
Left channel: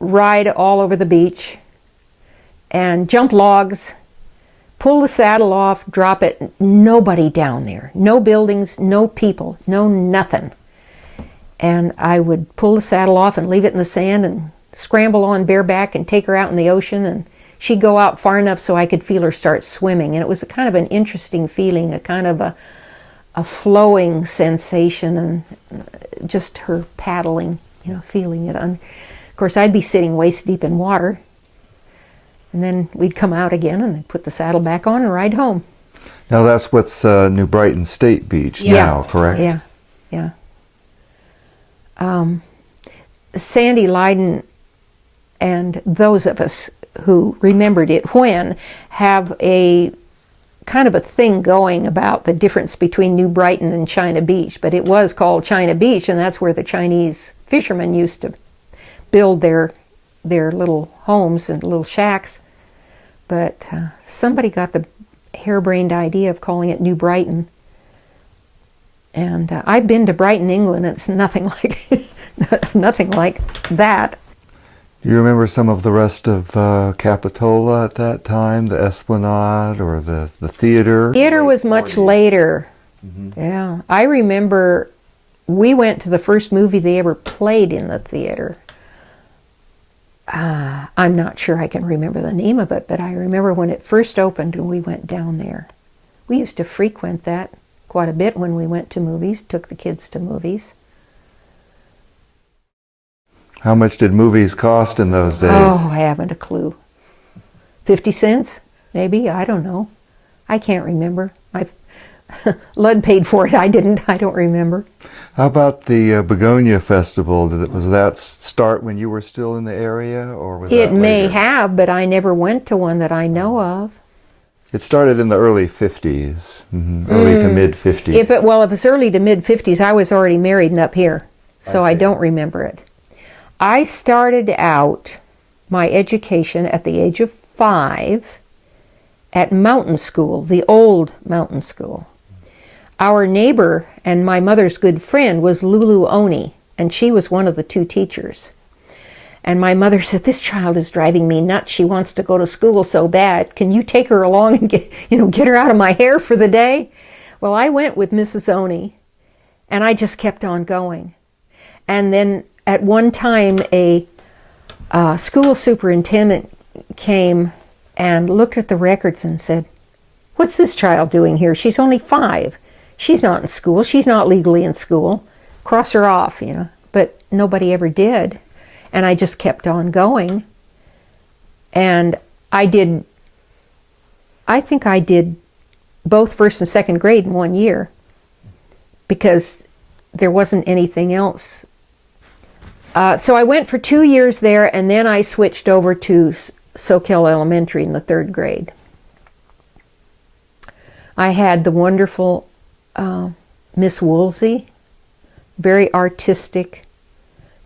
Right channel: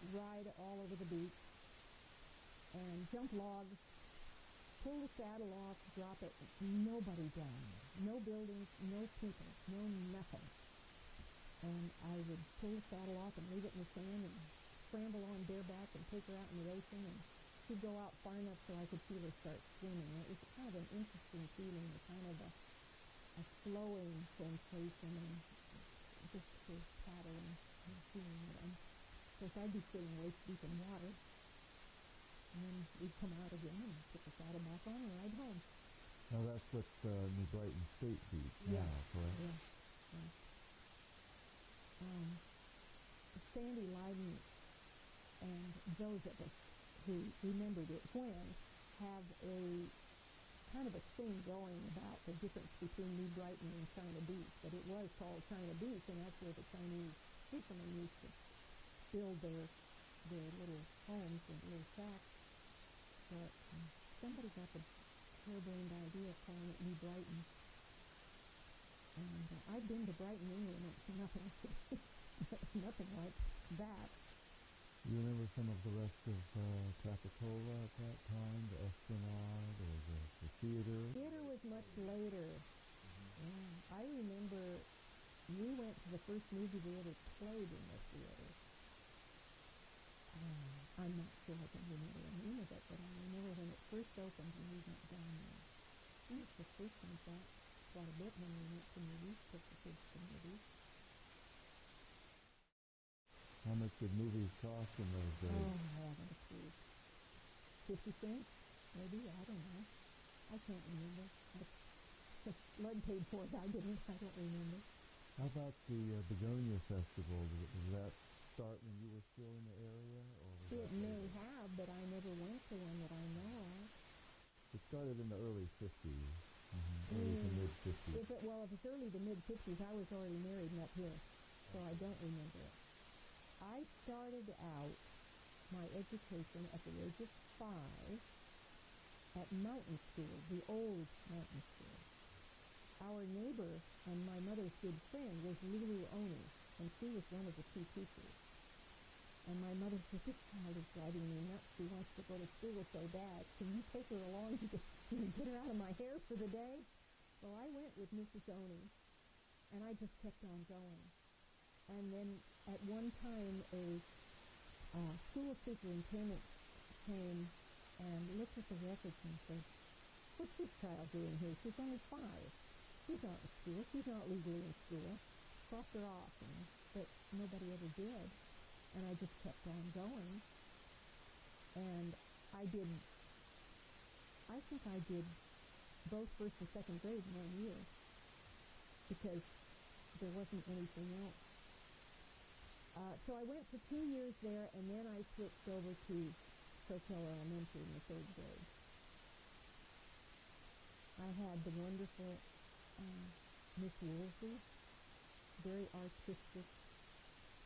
ride all over the beach and jump logs, pull the saddle off, drop it. Nobody down there. No buildings, no people, no nothing. And I would pull the saddle off and leave it in the sand and scramble on bareback and take her out in the ocean, and she'd go out far enough so I could feel her start swimming. And it was a kind of an interesting feeling, a kind of a flowing sensation, and just her paddling, feeling it. Of course, I'd be sitting waist deep in water, and then we'd come out again and I'd put the saddle back on and ride home. Now that's what's New Brighton State Beach now, correct? Yeah. Sandy Lydon and those of us who remembered it when have a kind of a thing going about the difference between New Brighton and China Beach, but it was called China Beach, and that's where the Chinese fishermen used to build their little homes and little shacks. But somebody got the harebrained idea of calling it New Brighton. And I've been to Brighton, England, and it's nothing like nothing like that. Do you remember some of the rest of Capitola at that time, the Esplanade or the theater? Theater was much later. Mm-hmm. Yeah, I remember we went to the first movie they ever played in the theater. I'm not sure I can remember the name of it, but I remember when it first opened and we went down there. We used to frequent that quite a bit when we went to movies, took the kids to movies. How much did movies cost in those days? Oh, I haven't a clue. 50 cents, maybe? I don't know. I can't remember. Lud paid for it. I didn't. I don't remember. How about the Begonia Festival? Was that start when you were still in the area, or was it that may later? have, but I never went to one that I know of. It started in the early 50s, early to mid 50s. If it's early to mid 50s, I was already married and up here, so I don't remember it. I started out my education at the age of 5 at mountain school, the old mountain school. Our neighbor and my mother's good friend was Lulu Oni, and she was one of the 2 teachers. And my mother said, "This child is driving me nuts. She wants to go to school so bad. Can you take her along and get her out of my hair for the day?" Well, I went with Mrs. Oni, and I just kept on going. And then at one time, a school superintendent came and looked at the records and said, "What's this child doing here? She's only 5. She's not in school. She's not legally in school. Cross her off, But nobody ever did. And I just kept on going. And I think I did both first and second grade in one year, because there wasn't anything else. So I went for 2 years there, and then I switched over to Soquel Elementary in the 3rd grade. I had the wonderful Miss Woolsey, very artistic,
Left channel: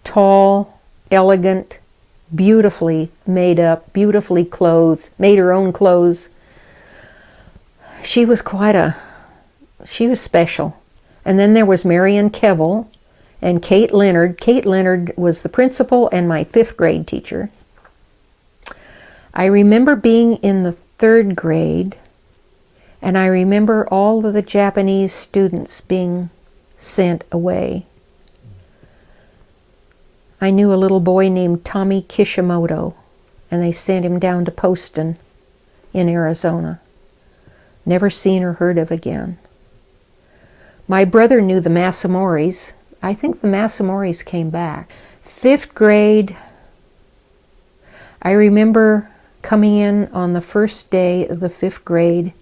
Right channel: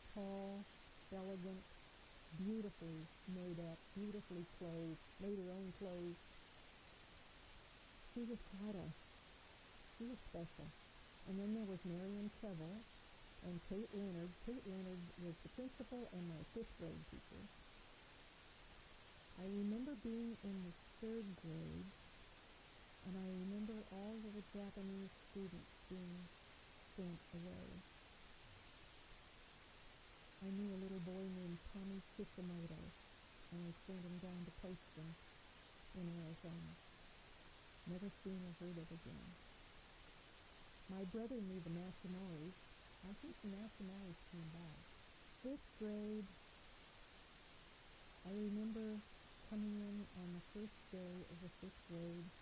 tall, elegant, beautifully made up, beautifully clothed, made her own clothes. She was she was special. And then there was Marion Kevel and Kate Leonard. Kate Leonard was the principal and my 5th grade teacher. I remember being in the 3rd grade, and I remember all of the Japanese students being sent away. I knew a little boy named Tommy Kishimoto, and they sent him down to Poston in Arizona. Never seen or heard of again. My brother knew the Massamoris. I think the Massamoris came back. 5th grade, I remember coming in on the first day of the 5th grade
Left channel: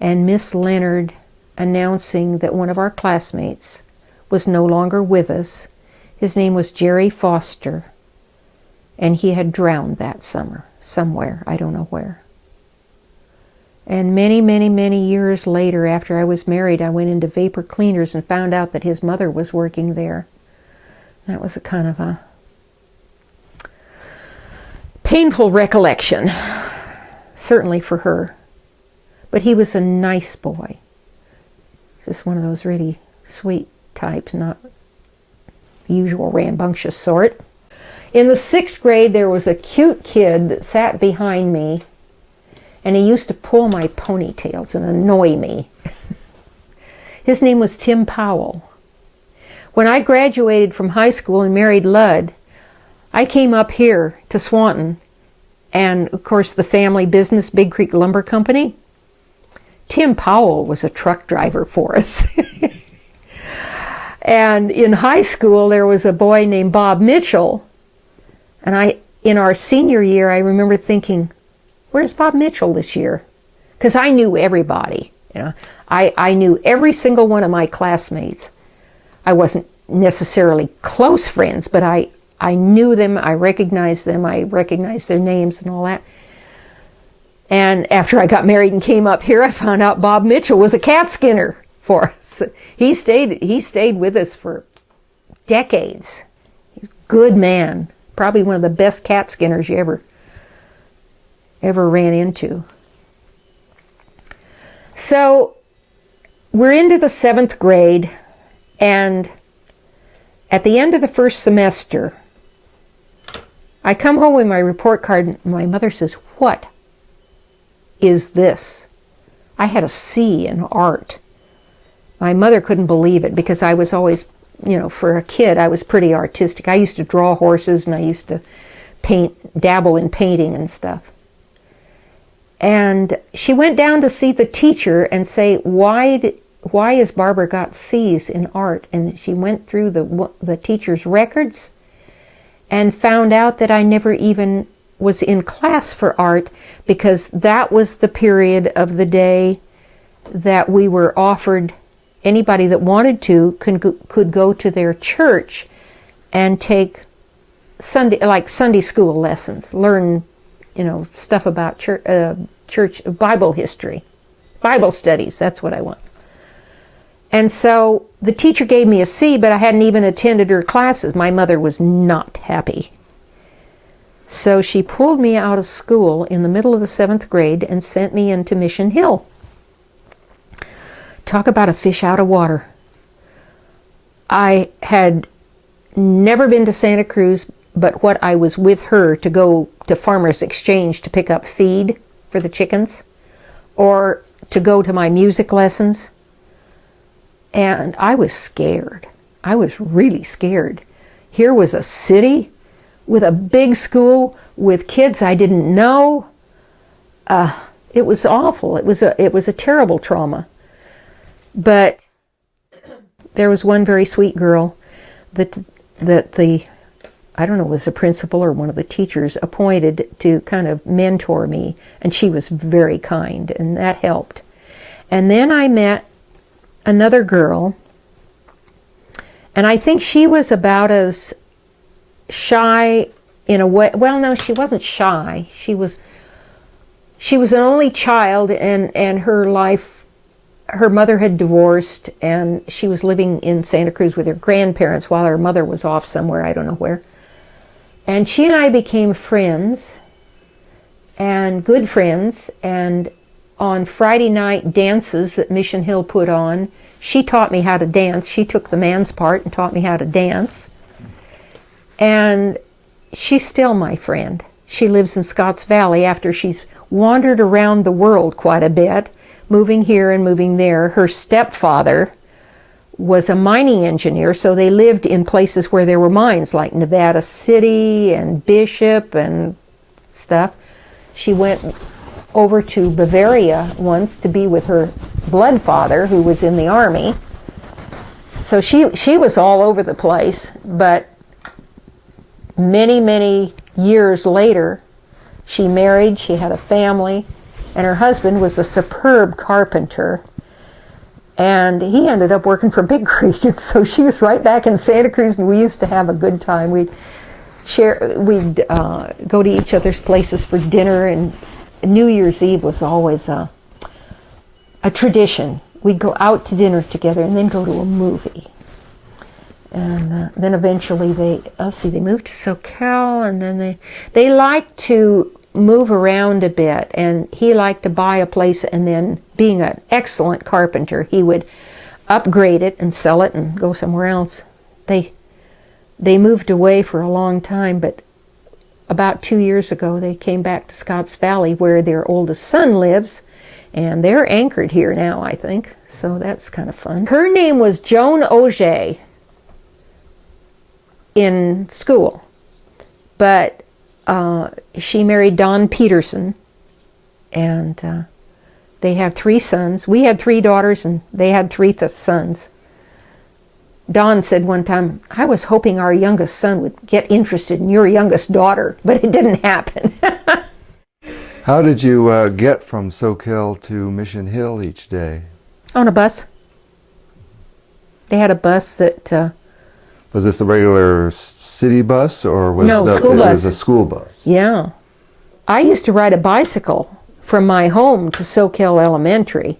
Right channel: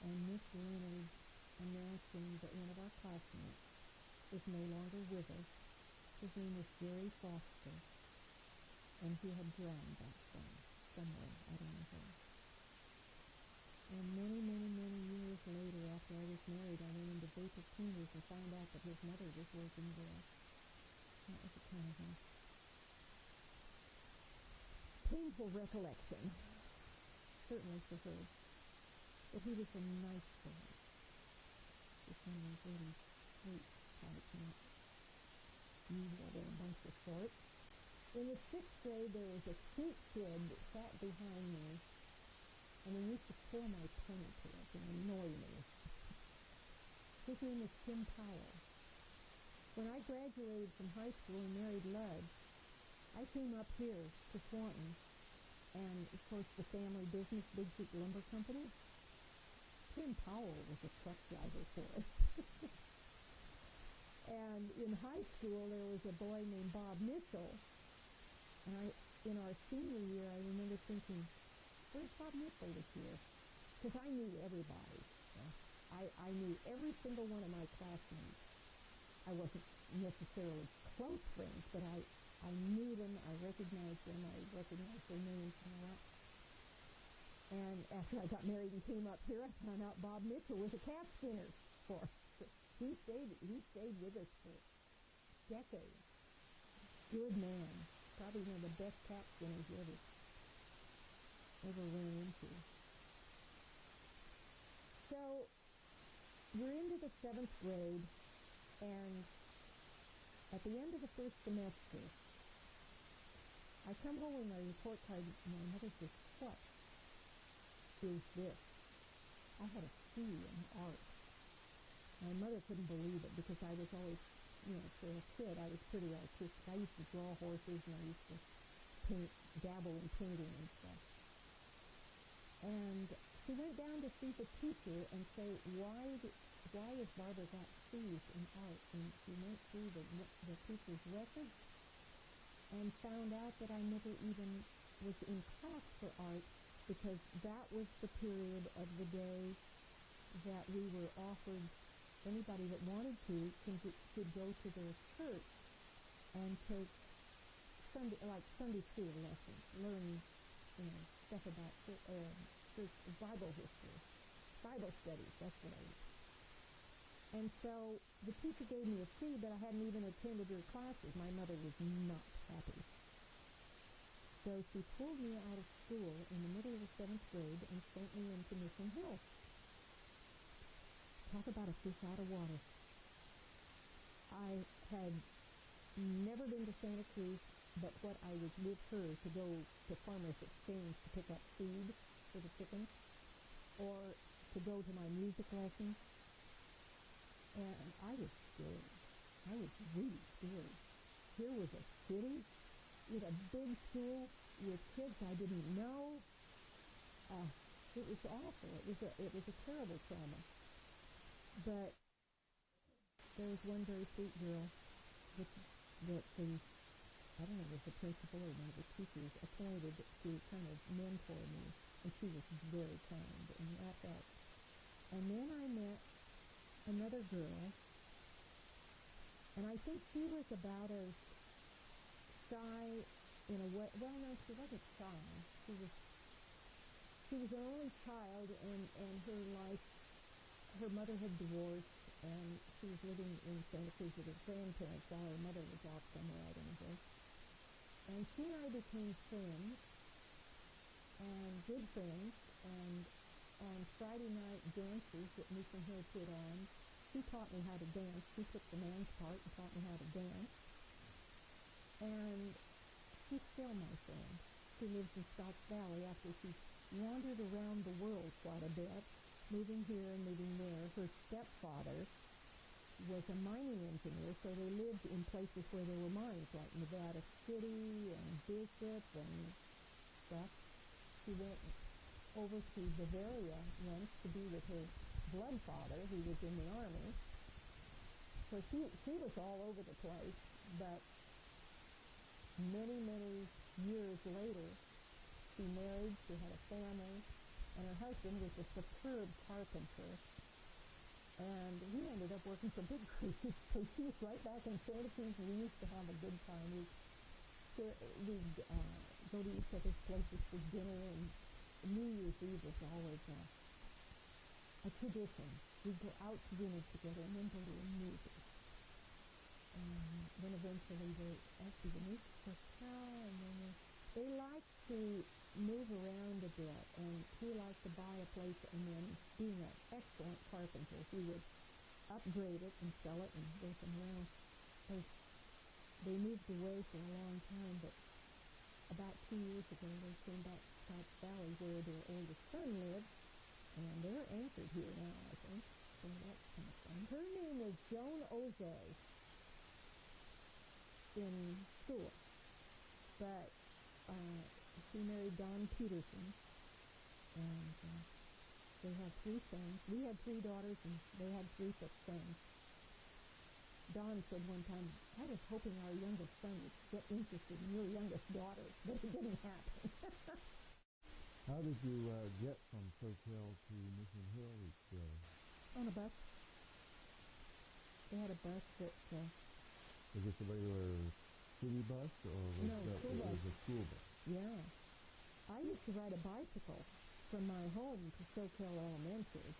and Miss Leonard announcing that one of our classmates was no longer with us. His name was Jerry Foster, and he had drowned that summer somewhere, I don't know where. And many, many, many years later, after I was married, I went into Vapor Cleaners and found out that his mother was working there. That was a kind of a painful recollection, certainly for her. But he was a nice boy. Just one of those really sweet types, not the usual rambunctious sort. In the 6th grade, there was a cute kid that sat behind me, and he used to pull my ponytails and annoy me. His name was Tim Powell. When I graduated from high school and married Ludd, I came up here to Swanton, and of course the family business, Big Creek Lumber Company. Tim Powell was a truck driver for us. And in high school, there was a boy named Bob Mitchell, and in our senior year, I remember thinking, where's Bob Mitchell this year? Because I knew everybody. I knew every single one of my classmates. I wasn't necessarily close friends, but I knew them, I recognized them, I recognized their names and all that. And after I got married and came up here, I found out Bob Mitchell was a cat skinner for us. He stayed with us for decades. He was a good man, probably one of the best cat skinners you ever ran into. So we're into the 7th grade, and at the end of the first semester, I come home with my report card, and my mother says, "What is this?" I had a C in art. My mother couldn't believe it because I was always, for a kid, I was pretty artistic. I used to draw horses, and I used to dabble in painting and stuff. And she went down to see the teacher and say, why has Barbara got C's in art? And she went through the teacher's records and found out that I never even was in class for art, because that was the period of the day that we were offered, anybody that wanted to could go to their church and take Sunday school lessons, learn stuff about church Bible history, Bible studies. That's what I want. And so the teacher gave me a C, but I hadn't even attended her classes. My mother was not happy. So she pulled me out of school in the middle of the 7th grade and sent me into Mission Hill. Talk about a fish out of water. I had never been to Santa Cruz, but what I was with her to go to Farmers Exchange to pick up feed for the chickens, or to go to my music lessons. And I was scared. I was really scared. Here was a city with a big school with kids I didn't know. It was awful. It was a terrible trauma. But there was one very sweet girl that I don't know, it was a principal or one of the teachers appointed to kind of mentor me, and she was very kind, and that helped. And then I met another girl, And I think she was about as shy in a way. Well, no, she wasn't shy. She was an only child, and her life, her mother had divorced, and she was living in Santa Cruz with her grandparents while her mother was off somewhere, I don't know where. And she and I became friends, and good friends, and on Friday night dances that Mission Hill put on, she taught me how to dance. She took the man's part and taught me how to dance. And she's still my friend. She lives in Scotts Valley after she's wandered around the world quite a bit, moving here and moving there. Her stepfather was a mining engineer, so they lived in places where there were mines, like Nevada City and Bishop and stuff. She went over to Bavaria once to be with her blood father, who was in the army. So she was all over the place, but many, many years later, she married, she had a family, and her husband was a superb carpenter. And he ended up working for Big Creek, and so she was right back in Santa Cruz, and we used to have a good time. We'd go to each other's places for dinner, and New Year's Eve was always a tradition. We'd go out to dinner together and then go to a movie. And then eventually they moved to Soquel, and then they liked to move around a bit, and he liked to buy a place, and then, being an excellent carpenter, he would upgrade it and sell it and go somewhere else. They moved away for a long time, but about 2 years ago they came back to Scotts Valley, where their oldest son lives, and they're anchored here now, I think, so that's kind of fun. Her name was Joan Auger in school, but she married Don Peterson, and they have 3 sons. We had 3 daughters, and they had 3 sons. Don said one time, "I was hoping our youngest son would get interested in your youngest daughter, but it didn't happen." How did you get from Soquel to Mission Hill each day? On a bus. They had a bus that... was this the regular city bus, or was No, school it bus. was a school bus? Yeah. I used to ride a bicycle from my home to Soquel Elementary.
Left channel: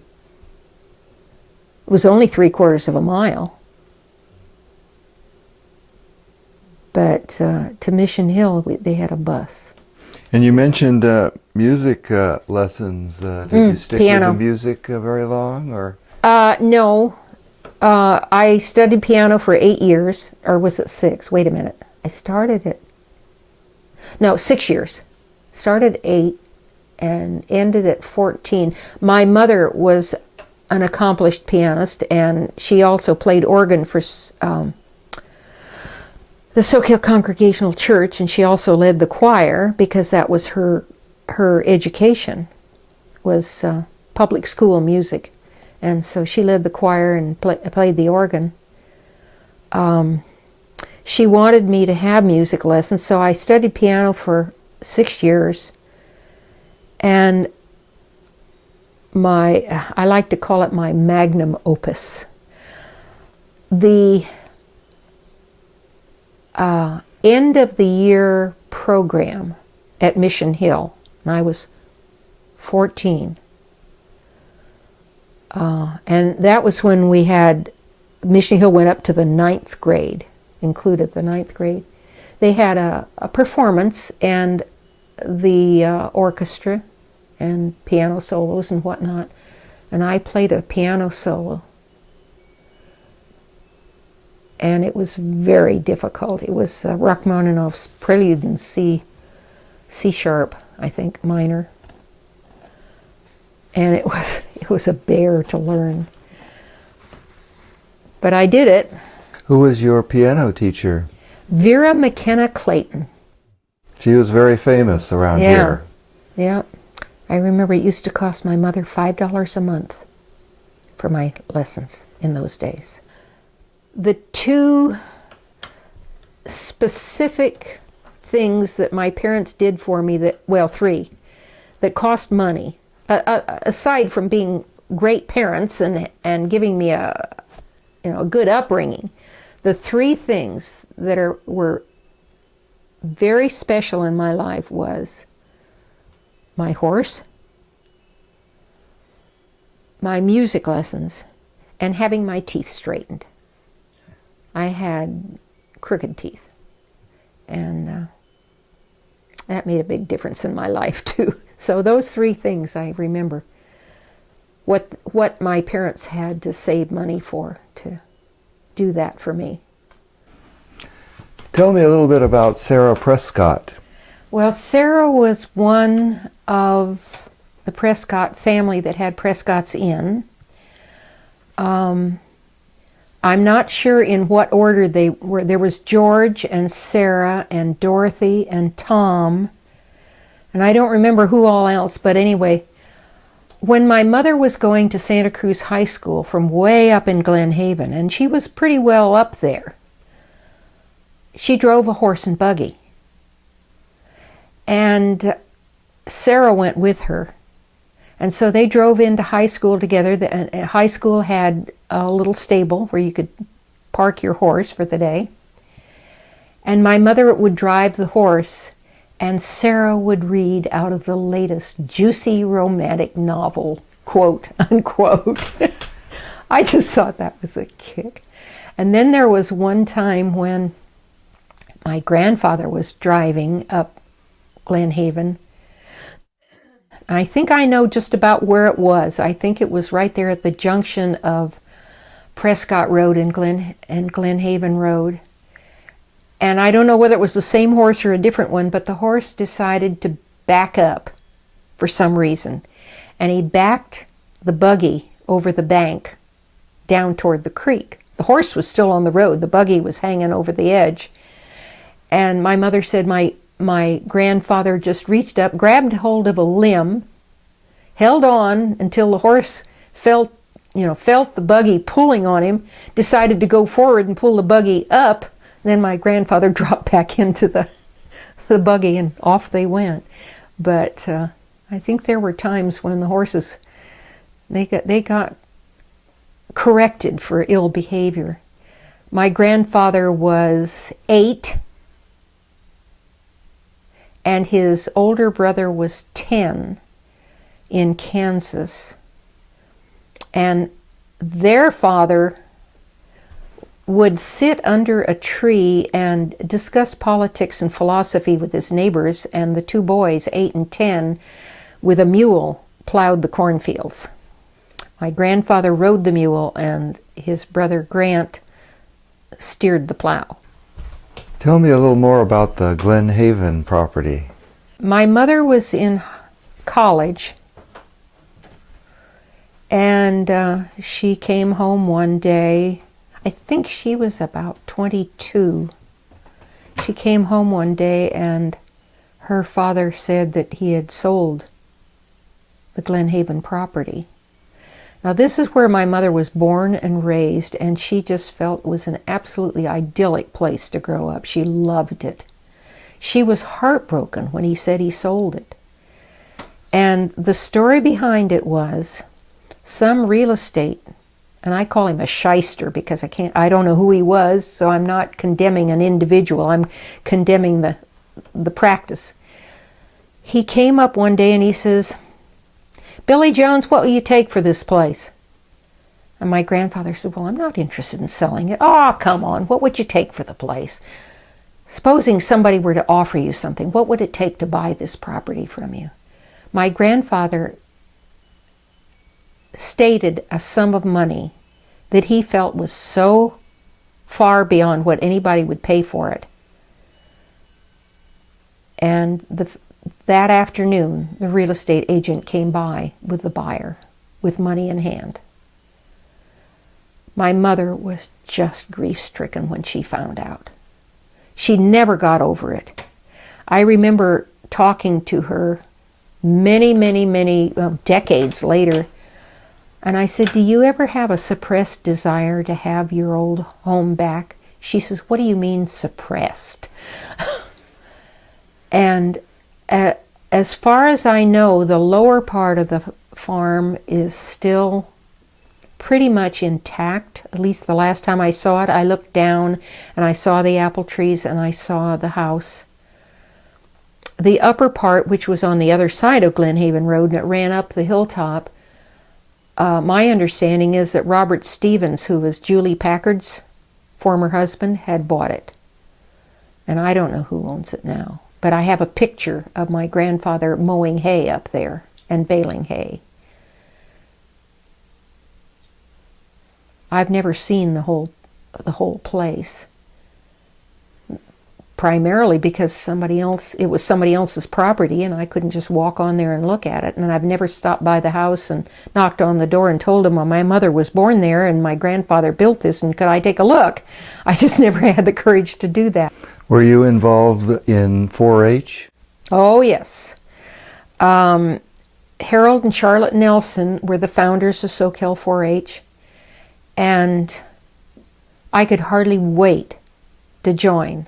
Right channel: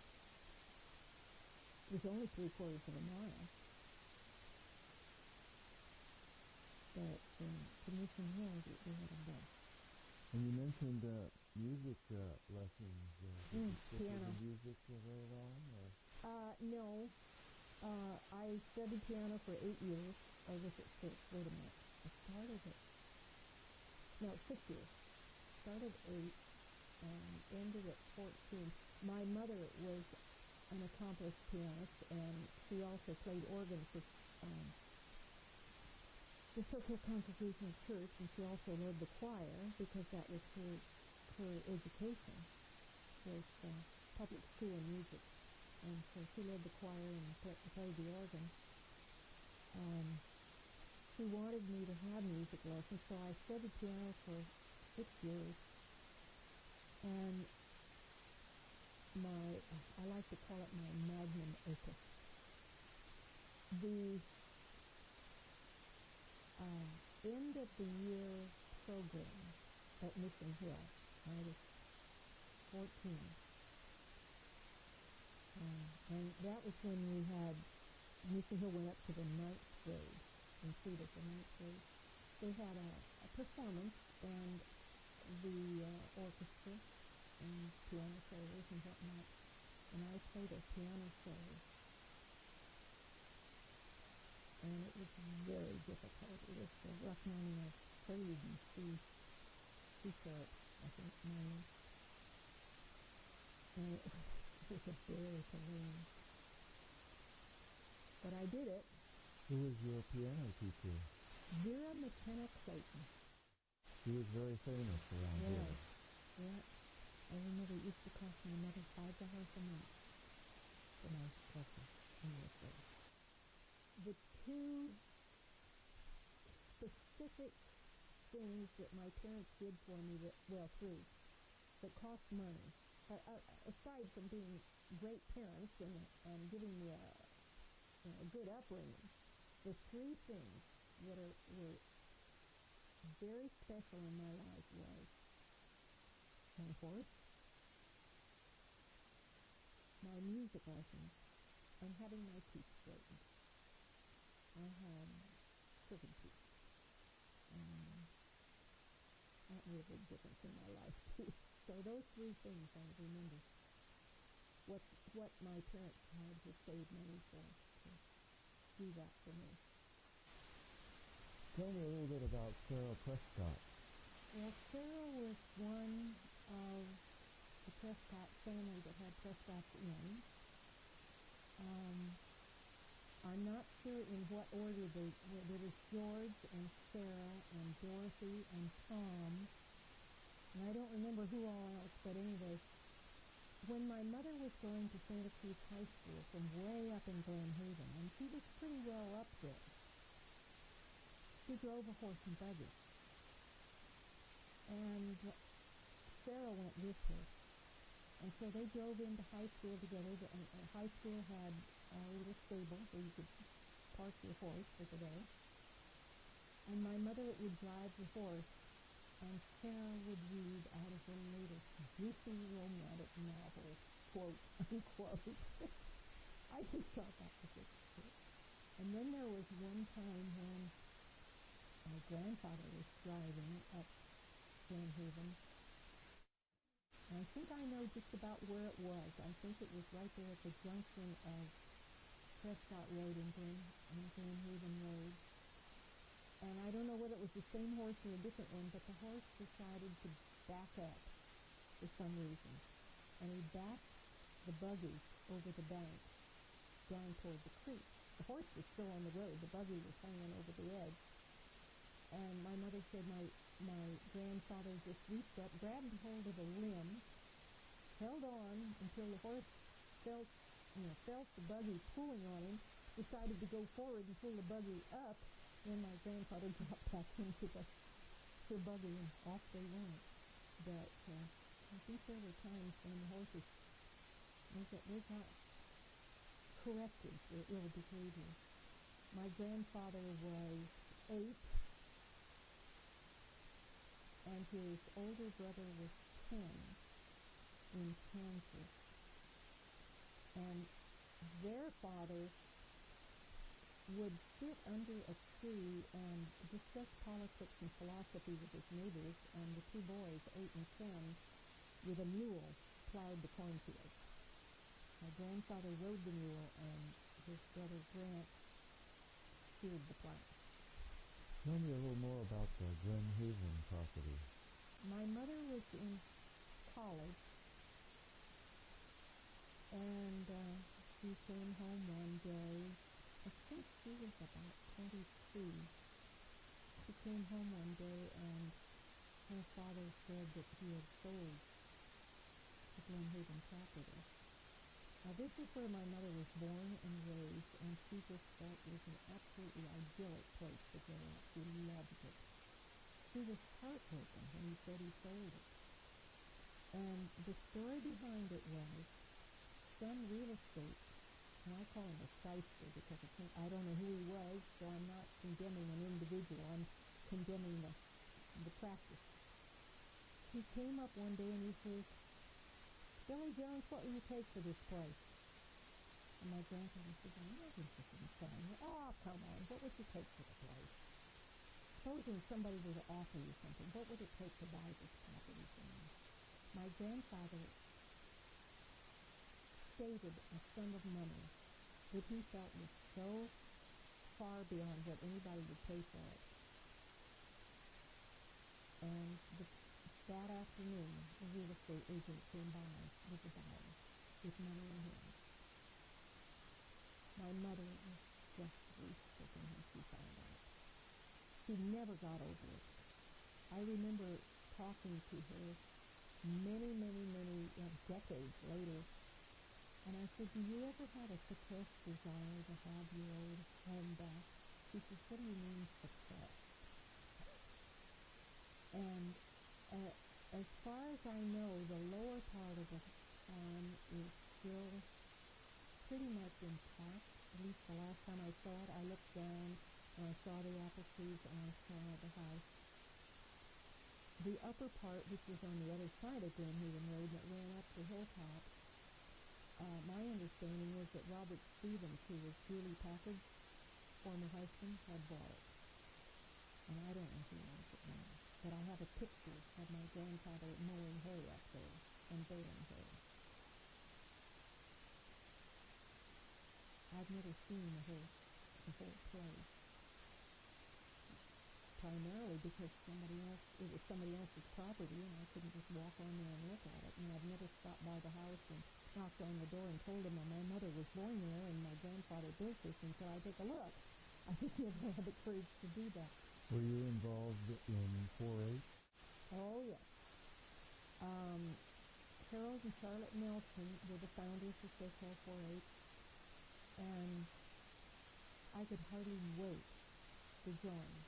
It was only 3/4 of a mile. But to Mission Hill, they had a bus. And you mentioned music lessons. Did you stick piano. with the music very long, or? No. I studied piano for 8 years, or was it 6? Wait a minute. I started at... No, 6 years. Started 8 and ended at 14. My mother was an accomplished pianist, and she also played organ for the Soquel Congregational Church, and she also led the choir, because that was her education, was public school music. And so she led the choir and played the organ. She wanted me to have music lessons, so I studied piano for 6 years. And I like to call it my magnum opus. The end of the year program at Mission Hill, and I was 14. And that was when we had, Mission Hill went up to the 9th grade, included the 9th grade. They had a performance, and the orchestra and piano solos and whatnot, and I played a piano solo. And it was very difficult. It was Rachmaninoff's Prelude in C sharp, I think, minor. And it was a bear to learn. But I did it. Who was your piano teacher? Vera McKenna Clayton. She was very famous around here. Yeah. I remember it used to cost my mother $5 a month for my lessons in those days. The 2 specific things that my parents did for me, 3, that cost money, aside from being great parents and giving me a good upbringing, the three things that were very special in my life was my horse, my music lessons, and having my teeth straightened. I had crooked teeth, and that made a big difference in my life too. So those three things I remember. What my parents had to save money for to do that for me. Tell me a little bit about Sarah Prescott. Well, Sarah was one of the Prescott family that had Prescott's Inn. I'm not sure in what order they were. There was George and Sarah and Dorothy and Tom, and I don't remember who all else, but anyway, when my mother was going to Santa Cruz High School from way up in Glen Haven, and she was pretty well up there, she drove a horse and buggy. And Sarah went with her. And so they drove into high school together. The high school had a little stable where you could park your horse for the day. And my mother would drive the horse, and Sarah would read out of the latest juicy romantic novel, quote, unquote. I just thought that was a kick. And then there was one time when my grandfather was driving up Glen Haven. I think I know just about where it was. I think it was right there at the junction of Prescott Road and Glen Haven Road. And I don't know whether it was the same horse or a different one, but the horse decided to back up for some reason. And he backed the buggy over the bank down toward the creek. The horse was still on the road. The buggy was hanging over the edge. And my mother said my grandfather just reached up, grabbed hold of a limb, held on until the horse felt the buggy pulling on him, decided to go forward and pull the buggy up. Then my grandfather dropped back into the buggy and off they went. But I think there were times when the horses, they got corrected for ill behavior. My grandfather was 8, and his older brother was 10 in Kansas. And their father would sit under a tree and discuss politics and philosophy with his neighbors, and the two boys, 8 and 10, with a mule, plowed the cornfields. My grandfather rode the mule, and his brother Grant steered the plow. Tell me a little more about the Glen Haven property. My mother was in college, and she came home one day. I think she was about 22. She came home one day and her father said that he had sold the Glen Haven property. Now this is where my mother was born and raised, and she just felt it was an absolutely idyllic place to grow up. She loved it. She was heartbroken when he said he sold it. And the story behind it was some real estate, and I call him a shyster because I don't know who he was, so I'm not condemning an individual, I'm condemning the practice. He came up one day and he says, "Billy Jones, what will you take for this place?" And my grandfather said, "Well, I'm not interested in selling it." "Oh, come on, what would you take for the place? Supposing somebody were to offer you something, what would it take to buy this property from you?" My grandfather stated a sum of money that he felt was so far beyond what anybody would pay for it. And that afternoon, the real estate agent came by with the buyer, with money in hand. My mother was just grief-stricken when she found out. She never got over it. I remember talking to her many decades later, and I said, "Do you ever have a suppressed desire to have your old home back?" She says, "What do you mean suppressed?" And as far as I know, the lower part of the farm is still pretty much intact. At least the last time I saw it, I looked down and I saw the apple trees and I saw the house. The upper part, which was on the other side of Glen Haven Road and it ran up the hilltop, my understanding is that Robert Stevens, who was Julie Packard's former husband, had bought it. And I don't know who owns it now. But I have a picture of my grandfather mowing hay up there and baling hay. I've never seen the whole place. Primarily because it was somebody else's property and I couldn't just walk on there and look at it. And I've never stopped by the house and knocked on the door and told them, well, my mother was born there and my grandfather built this and could I take a look? I just never had the courage to do that. Were you involved in 4-H? Oh, yes. Harold and Charlotte Nelson were the founders of Soquel 4-H, and I could hardly wait to join.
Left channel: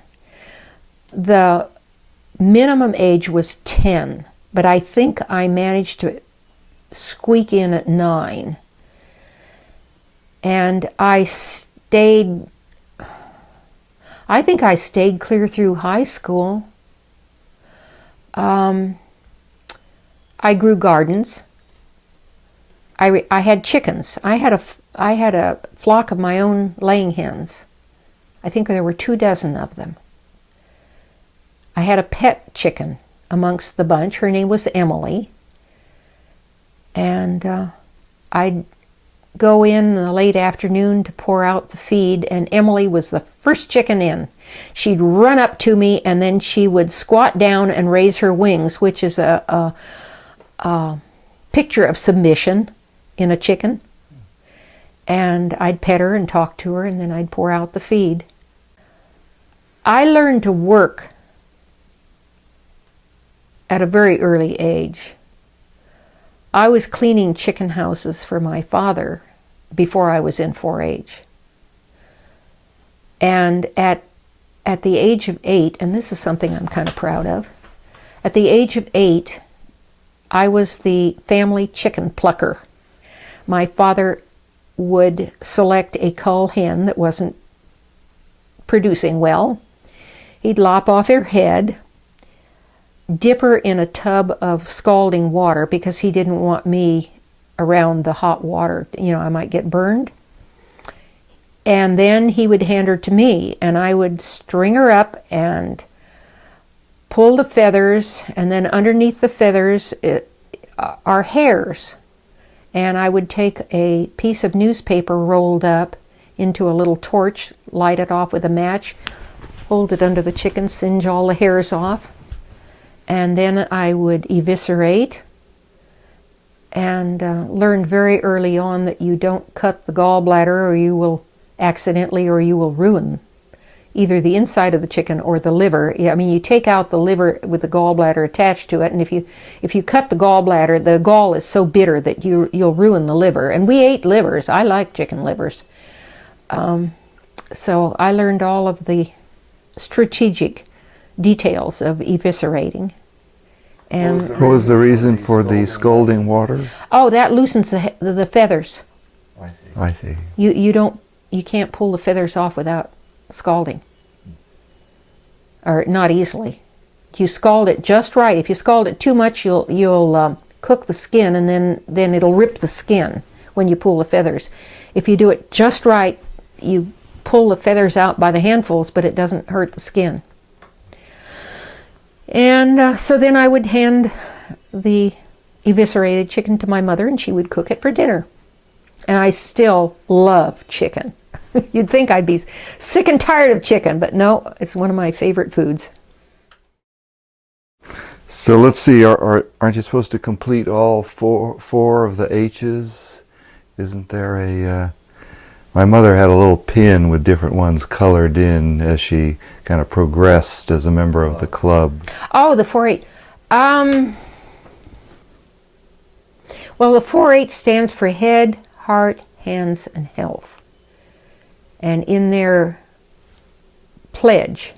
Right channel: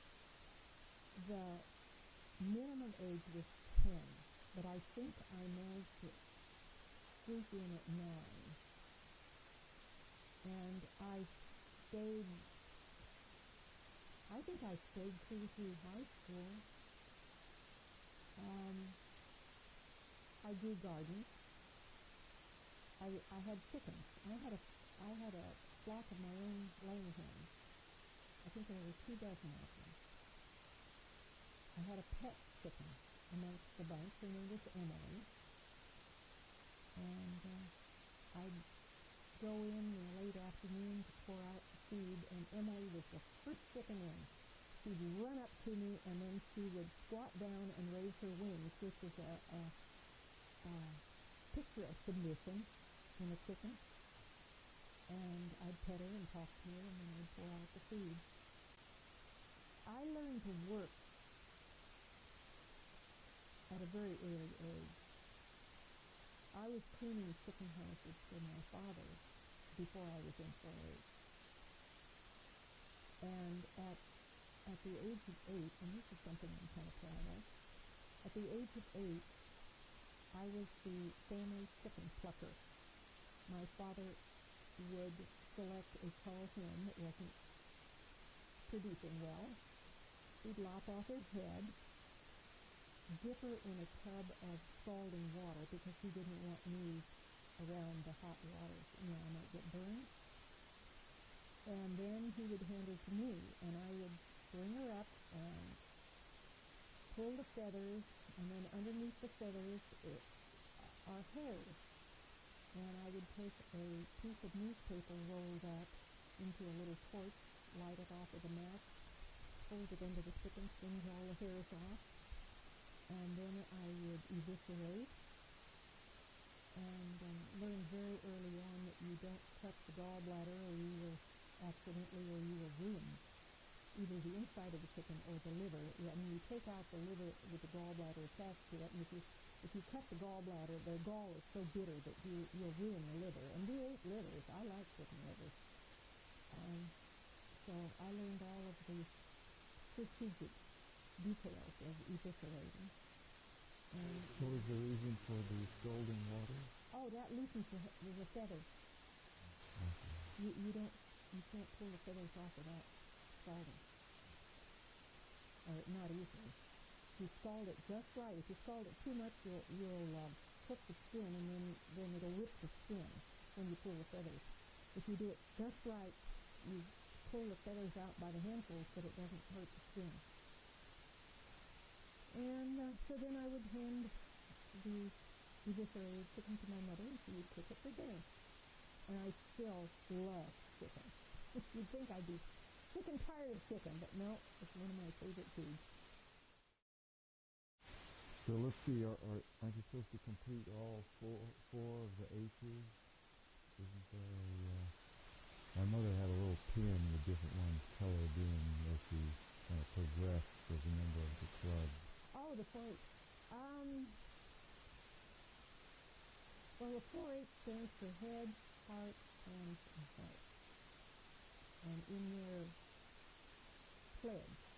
The minimum age was 10, but I think I managed to squeak in at 9. And I think I stayed clear through high school. I grew gardens. I had chickens. I had a flock of my own laying hens. I think there were 24 of them. I had a pet chicken amongst the bunch. Her name was Emily. And I'd go in the late afternoon to pour out the feed, and Emily was the first chicken in. She'd run up to me, and then she would squat down and raise her wings, which is a picture of submission in a chicken. And I'd pet her and talk to her, and then I'd pour out the feed. I learned to work at a very early age. I was cleaning chicken houses for my father before I was in 4-H. And at the age of 8, and this is something I'm kind of proud of, at the age of 8, I was the family chicken plucker. My father would select a cull hen that wasn't producing well. He'd lop off her head, dip her in a tub of scalding water because he didn't want me around the hot water. You know, I might get burned. And then he would hand her to me, and I would string her up and pull the feathers, and then underneath the feathers are hairs. And I would take a piece of newspaper rolled up into a little torch, light it off with a match, hold it under the chicken, singe all the hairs off. And then I would eviscerate, and learned very early on that you don't cut the gallbladder or you will accidentally, or you will ruin either the inside of the chicken or the liver. I mean, you take out the liver with the gallbladder attached to it, and if you cut the gallbladder, the gall is so bitter that you'll ruin the liver. And we ate livers. I like chicken livers. So I learned all of the strategic details of eviscerating. And what was the reason for the scalding water? Oh, that loosens the feathers. I see. You can't pull the feathers off without scalding, or not easily. You scald it just right. If you scald it too much, you'll cook the skin, and then it'll rip the skin when you pull the feathers. If you do it just right, you pull the feathers out by the handfuls, but it doesn't hurt the skin. And so then I would hand the eviscerated chicken to my mother, and she would cook it for dinner. And I still love chicken. You'd think I'd be sick and tired of chicken, but no, it's one of my favorite foods. So let's see, aren't you supposed to complete all four of the H's? Isn't there a... my mother had a little pin with different ones colored in as she kind of progressed as a member of the club. Oh, the 4-H. Well, the 4-H stands for Head, Heart, Hands, and Health. And in their pledge,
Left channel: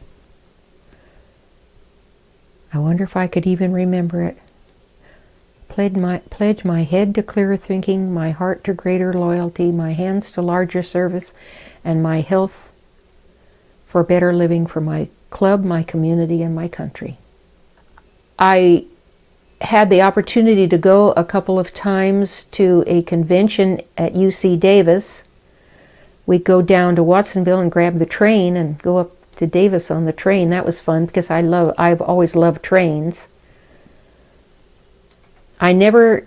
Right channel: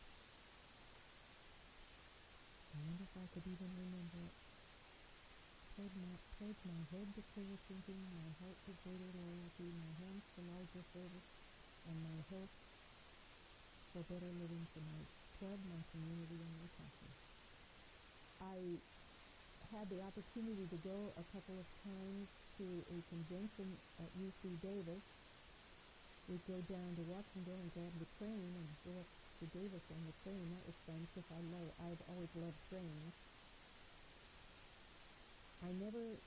I wonder if I could even remember it. Pledge my head to clearer thinking, my heart to greater loyalty, my hands to larger service, and my health for better living for my club, my community, and my country. I had the opportunity to go a couple of times to a convention at UC Davis. We'd go down to Watsonville and grab the train and go up to Davis on the train. That was fun because I've always loved trains. I never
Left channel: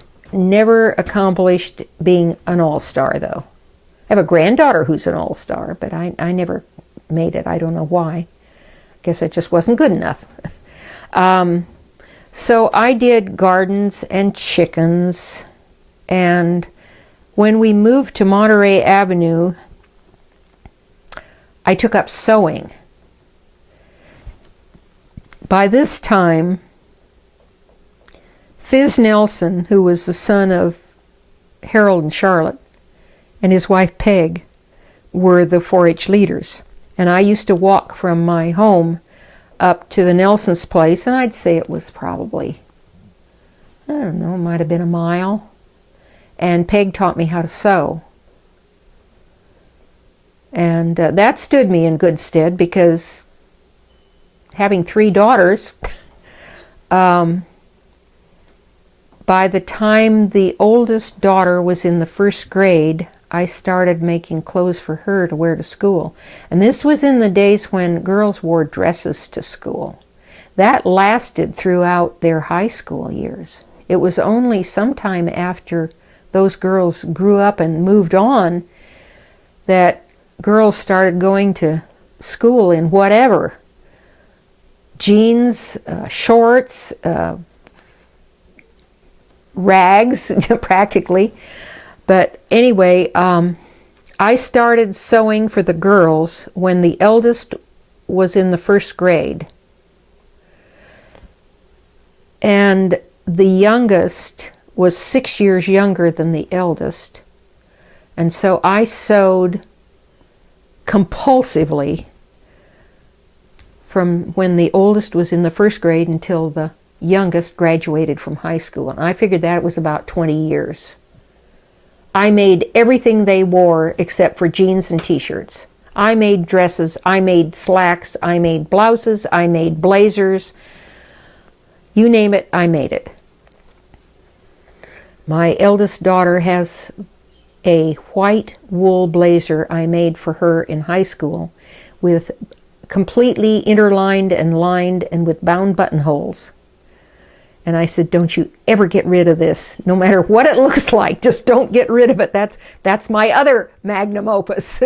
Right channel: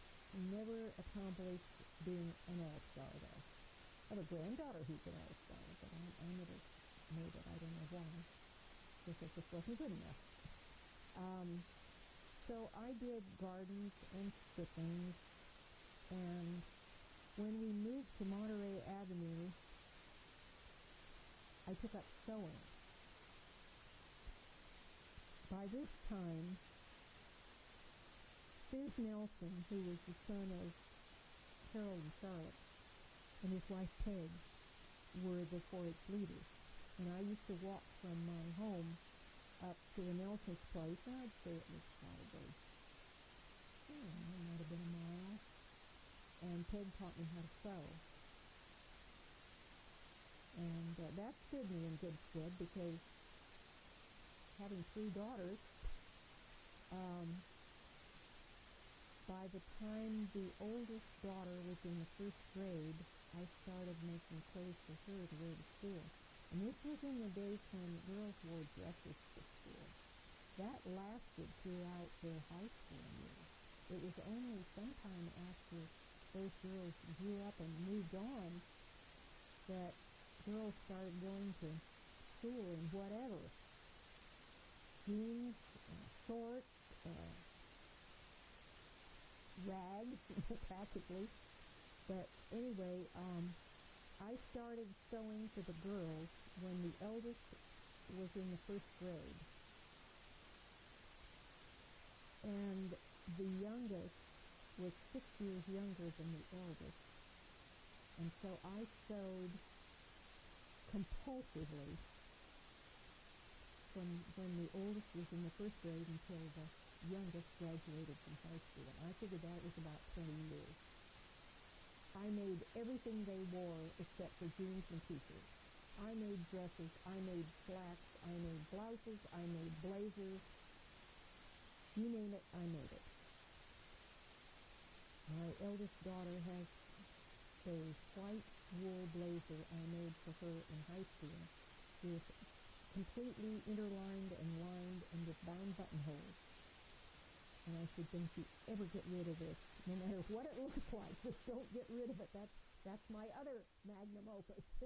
accomplished being an all-star, though. I have a granddaughter who's an all-star, but I never made it. I don't know why. I guess I just wasn't good enough. So I did gardens and chickens, and when we moved to Monterey Avenue, I took up sewing. By this time, Fizz Nelson, who was the son of Harold and Charlotte, and his wife Peg, were the 4-H leaders. And I used to walk from my home up to the Nelson's place, and I'd say it was probably, I don't know, it might have been a mile. And Peg taught me how to sew. And that stood me in good stead because having 3 daughters, by the time the oldest daughter was in the 1st grade, I started making clothes for her to wear to school. And this was in the days when girls wore dresses to school. That lasted throughout their high school years. It was only sometime after those girls grew up and moved on that girls started going to school in whatever. Jeans, shorts, rags, practically. But anyway, I started sewing for the girls when the eldest was in the 1st grade. And the youngest was 6 years younger than the eldest. And so I sewed compulsively from when the oldest was in the 1st grade until the youngest graduated from high school. And I figured that was about 20 years. I made everything they wore except for jeans and t-shirts. I made dresses, I made slacks, I made blouses, I made blazers. You name it, I made it. My eldest daughter has a white wool blazer I made for her in high school with completely interlined and lined and with bound buttonholes. And I said, don't you ever get rid of this, no matter what it looks like. Just don't get rid of it. That's my other magnum opus.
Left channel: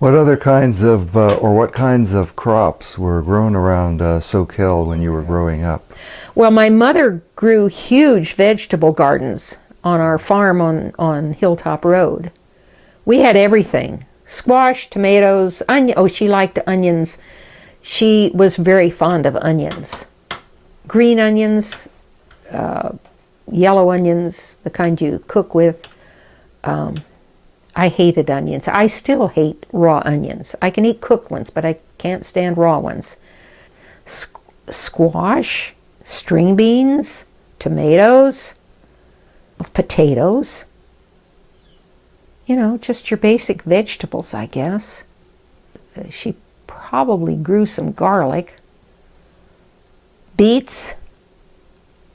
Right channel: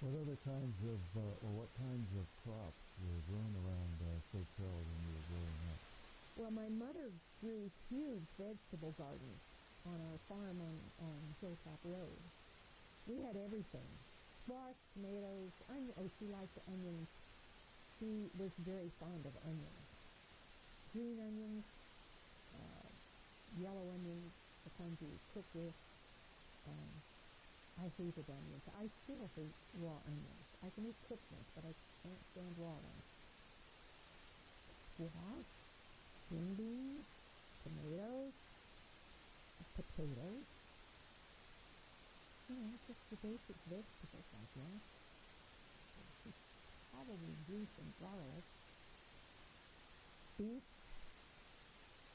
What other kinds of, or what kinds of crops were grown around Soquel when you were growing up? Well, my mother grew huge vegetable gardens on our farm on Hilltop Road. We had everything. Squash, tomatoes, onion. Oh, she liked onions. She was very fond of onions. Green onions, yellow onions, the kind you cook with. I hated onions. I still hate raw onions. I can eat cooked ones, but I can't stand raw ones. Squash, string beans, tomatoes, potatoes. You know, just your basic vegetables, I guess. She probably grew some garlic. Beets,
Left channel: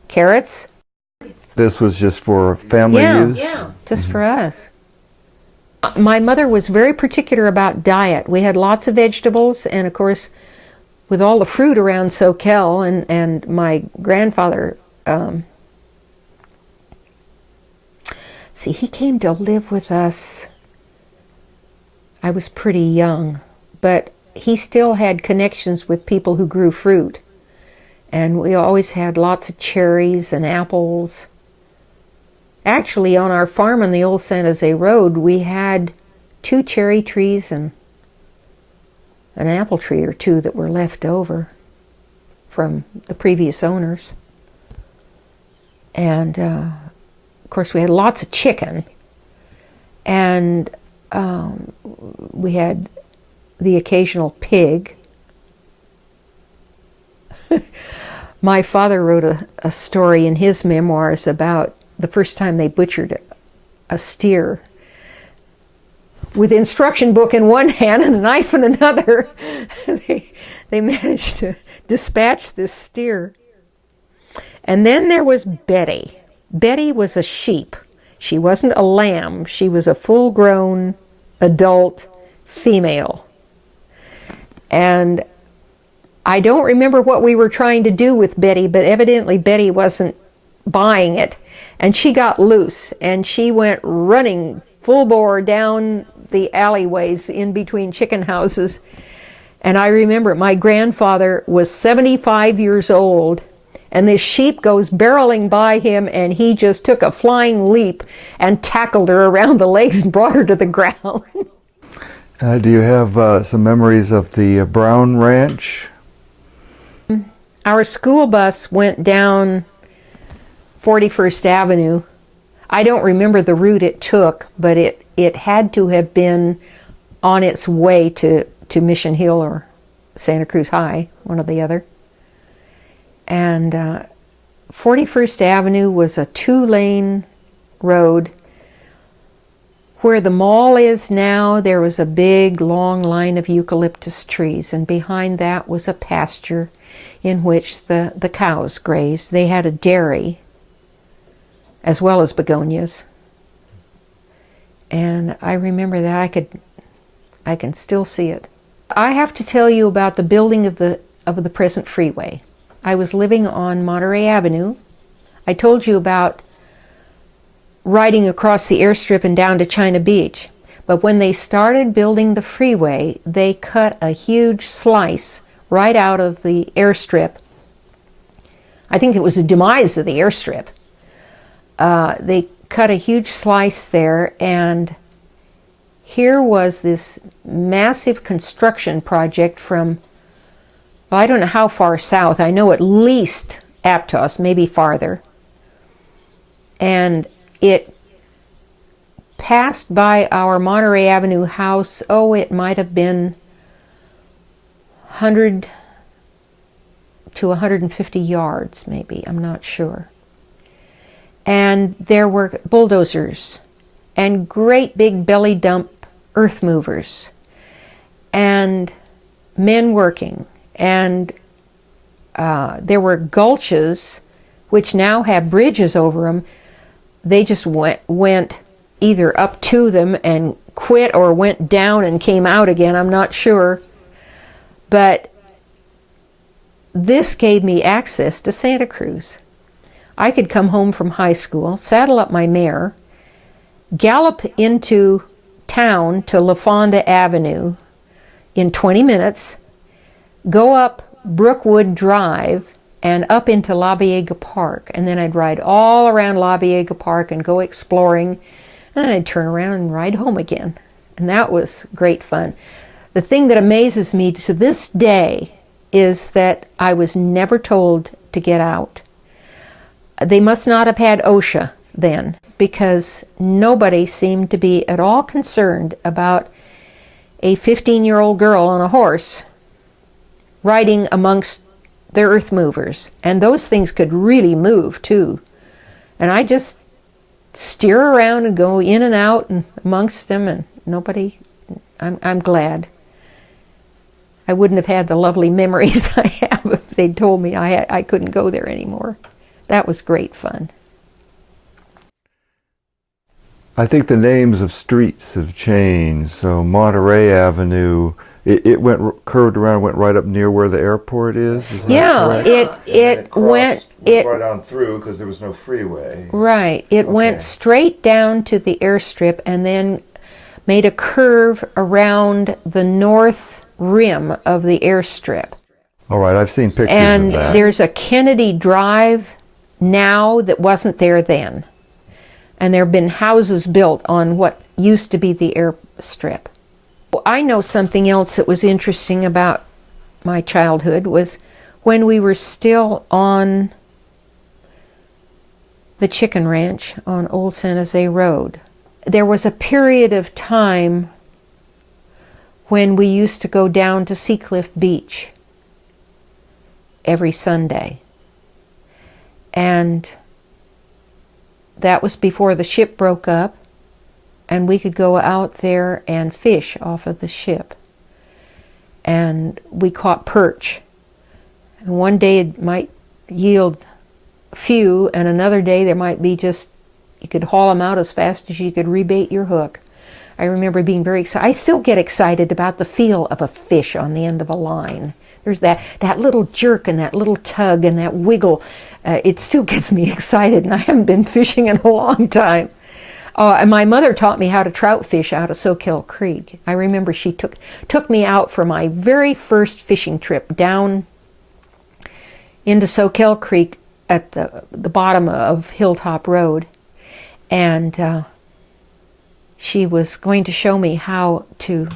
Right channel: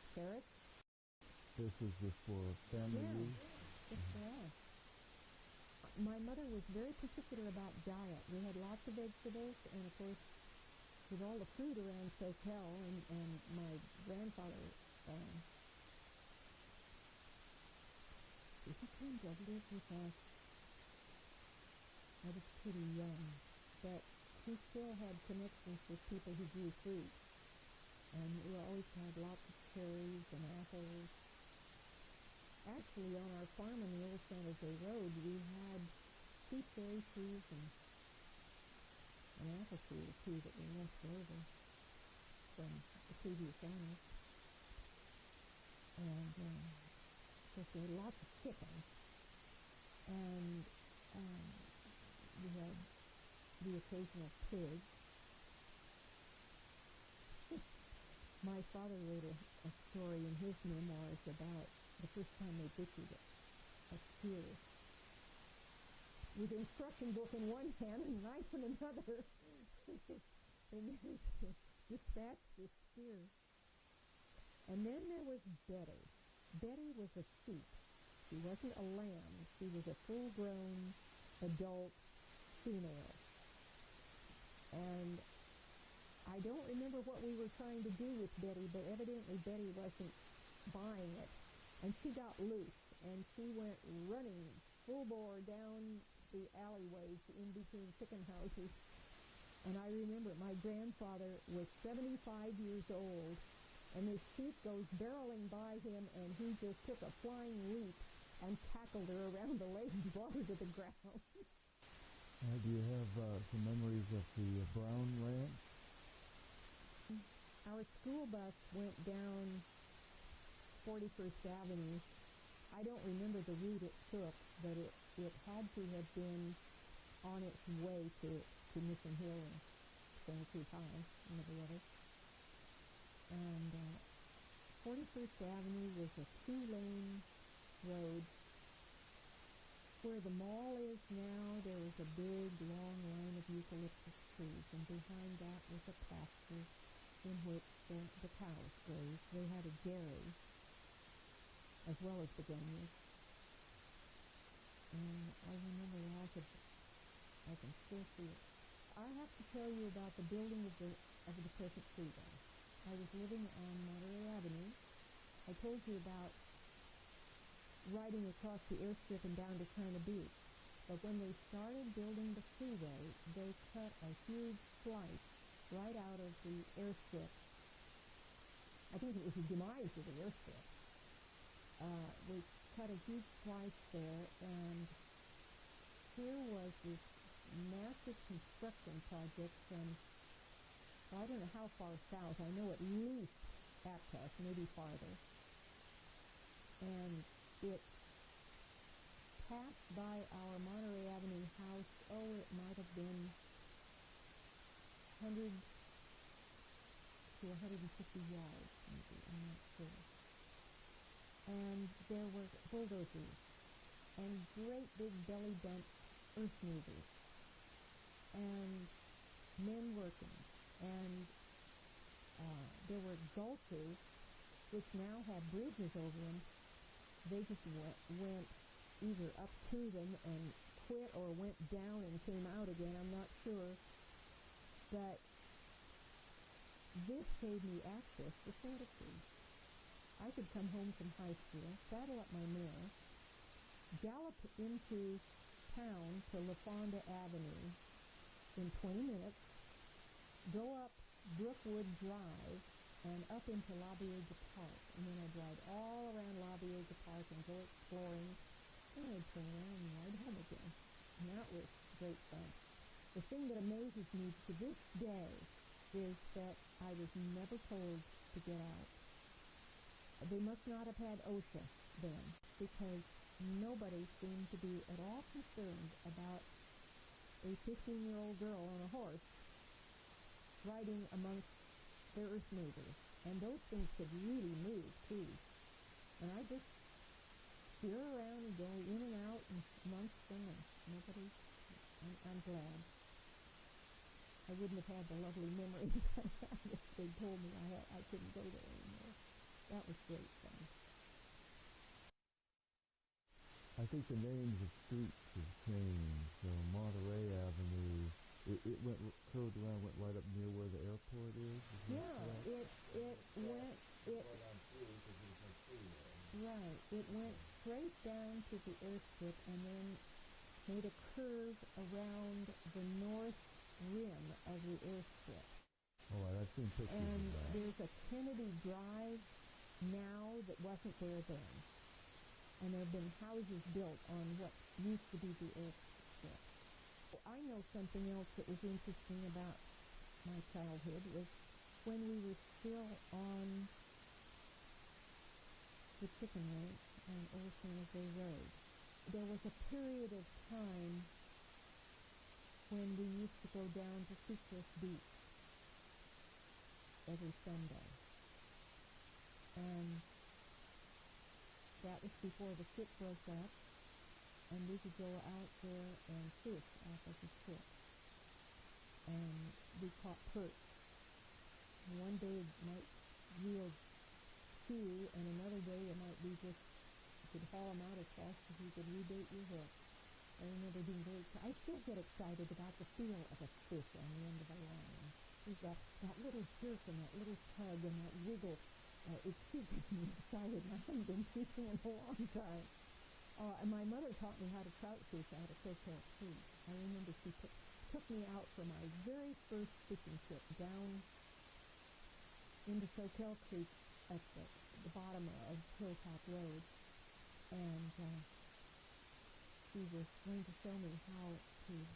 carrots. This was just for family use? Yeah, just for us. My mother was very particular about diet. We had lots of vegetables, and of course, with all the fruit around Soquel, and my grandfather, see, he came to live with us. I was pretty young, but he still had connections with people who grew fruit. And we always had lots of cherries and apples. Actually, on our farm on the old San Jose Road, we had 2 cherry trees and an apple tree or 2 that were left over from the previous owners. And of course, we had lots of chicken. And we had the occasional pig. My father wrote a story in his memoirs about the first time they butchered a steer with the instruction book in one hand and a knife in another. They managed to dispatch this steer. And then there was Betty. Betty was a sheep. She wasn't a lamb. She was a full-grown adult female. And I don't remember what we were trying to do with Betty, but evidently Betty wasn't buying it. And she got loose, and she went running full bore down the alleyways in between chicken houses. And I remember my grandfather was 75 years old, and this sheep goes barreling by him, and he just took a flying leap and tackled her around the legs and brought her to the ground. Do you have some memories of the Brown Ranch? Our school bus went down 41st Avenue. I don't remember the route it took, but it had to have been on its way to Mission Hill or Santa Cruz High, one or the other. And 41st Avenue was a 2-lane road. Where the mall is now, there was a big, long line of eucalyptus trees, and behind that was a pasture in which the cows grazed. They had a dairy, as well as begonias. And I remember that. I can still see it. I have to tell you about the building of the present freeway. I was living on Monterey Avenue. I told you about riding across the airstrip and down to China Beach. But when they started building the freeway, they cut a huge slice right out of the airstrip. I think it was the demise of the airstrip. They cut a huge slice there, and here was this massive construction project from, well, I don't know how far south. I know at least Aptos, maybe farther. And it passed by our Monterey Avenue house, it might have been 100 to 150 yards, maybe, I'm not sure. And there were bulldozers and great big belly dump earth movers and men working. And there were gulches which now have bridges over them. They just went either up to them and quit or went down and came out again, I'm not sure. But this gave me access to Santa Cruz. I could come home from high school, saddle up my mare, gallop into town to La Fonda Avenue in 20 minutes, go up Brookwood Drive and up into La Viega Park, and then I'd ride all around La Viega Park and go exploring, and then I'd turn around and ride home again. And that was great fun. The thing that amazes me to this day is that I was never told to get out. They must not have had OSHA then, because nobody seemed to be at all concerned about a 15-year-old girl on a horse riding amongst their earth movers. And those things could really move too. And I just steer around and go in and out and amongst them, and nobody, I'm glad. I wouldn't have had the lovely memories I have if they'd told me I couldn't go there anymore. That was great fun. I think the names of streets have changed. So Monterey Avenue, it curved around, went right up near where the airport is. Is that correct? it went right on through because there was no freeway. Right. It went straight down to the airstrip and then made a curve around the north rim of the airstrip. All right, I've seen pictures and of that. And there's a Kennedy Drive now that wasn't there then. And there have been houses built on what used to be the airstrip. I know something else that was interesting about my childhood was when we were still on the chicken ranch on Old San Jose Road. There was a period of time when we used to go down to Seacliff Beach every Sunday. And that was before the ship broke up, and we could go out there and fish off of the ship. And we caught perch. And one day it might yield a few, and another day there might be just, you could haul them out as fast as you could rebait your hook. I remember being very excited. I still get excited about the feel of a fish on the end of a line. There's that little jerk and that little tug and that wiggle. It still gets me excited, and I haven't been fishing in a long time. And my mother taught me how to trout fish out of Soquel Creek. I remember she took me out for my very first fishing trip down into Soquel Creek at the bottom of Hilltop Road. And she was going to show me how to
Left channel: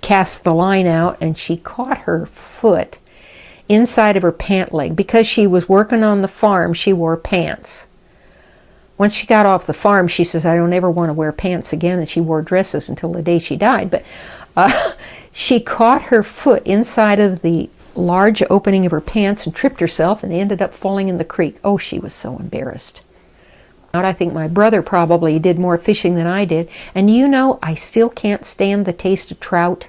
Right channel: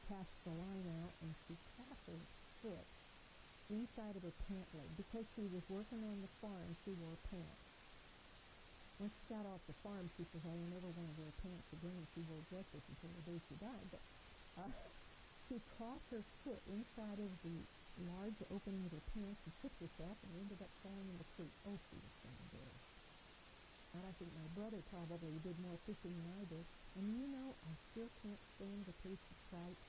cast the line out, and she caught her foot inside of her pant leg. Because she was working on the farm, she wore pants. Once she got off the farm, she says, I don't ever want to wear pants again, and she wore dresses until the day she died. But she caught her foot inside of the large opening of her pants and tripped herself and ended up falling in the creek. Oh, she was so embarrassed. I think my brother probably did more fishing than I did. And you know, I still can't stand the taste of trout.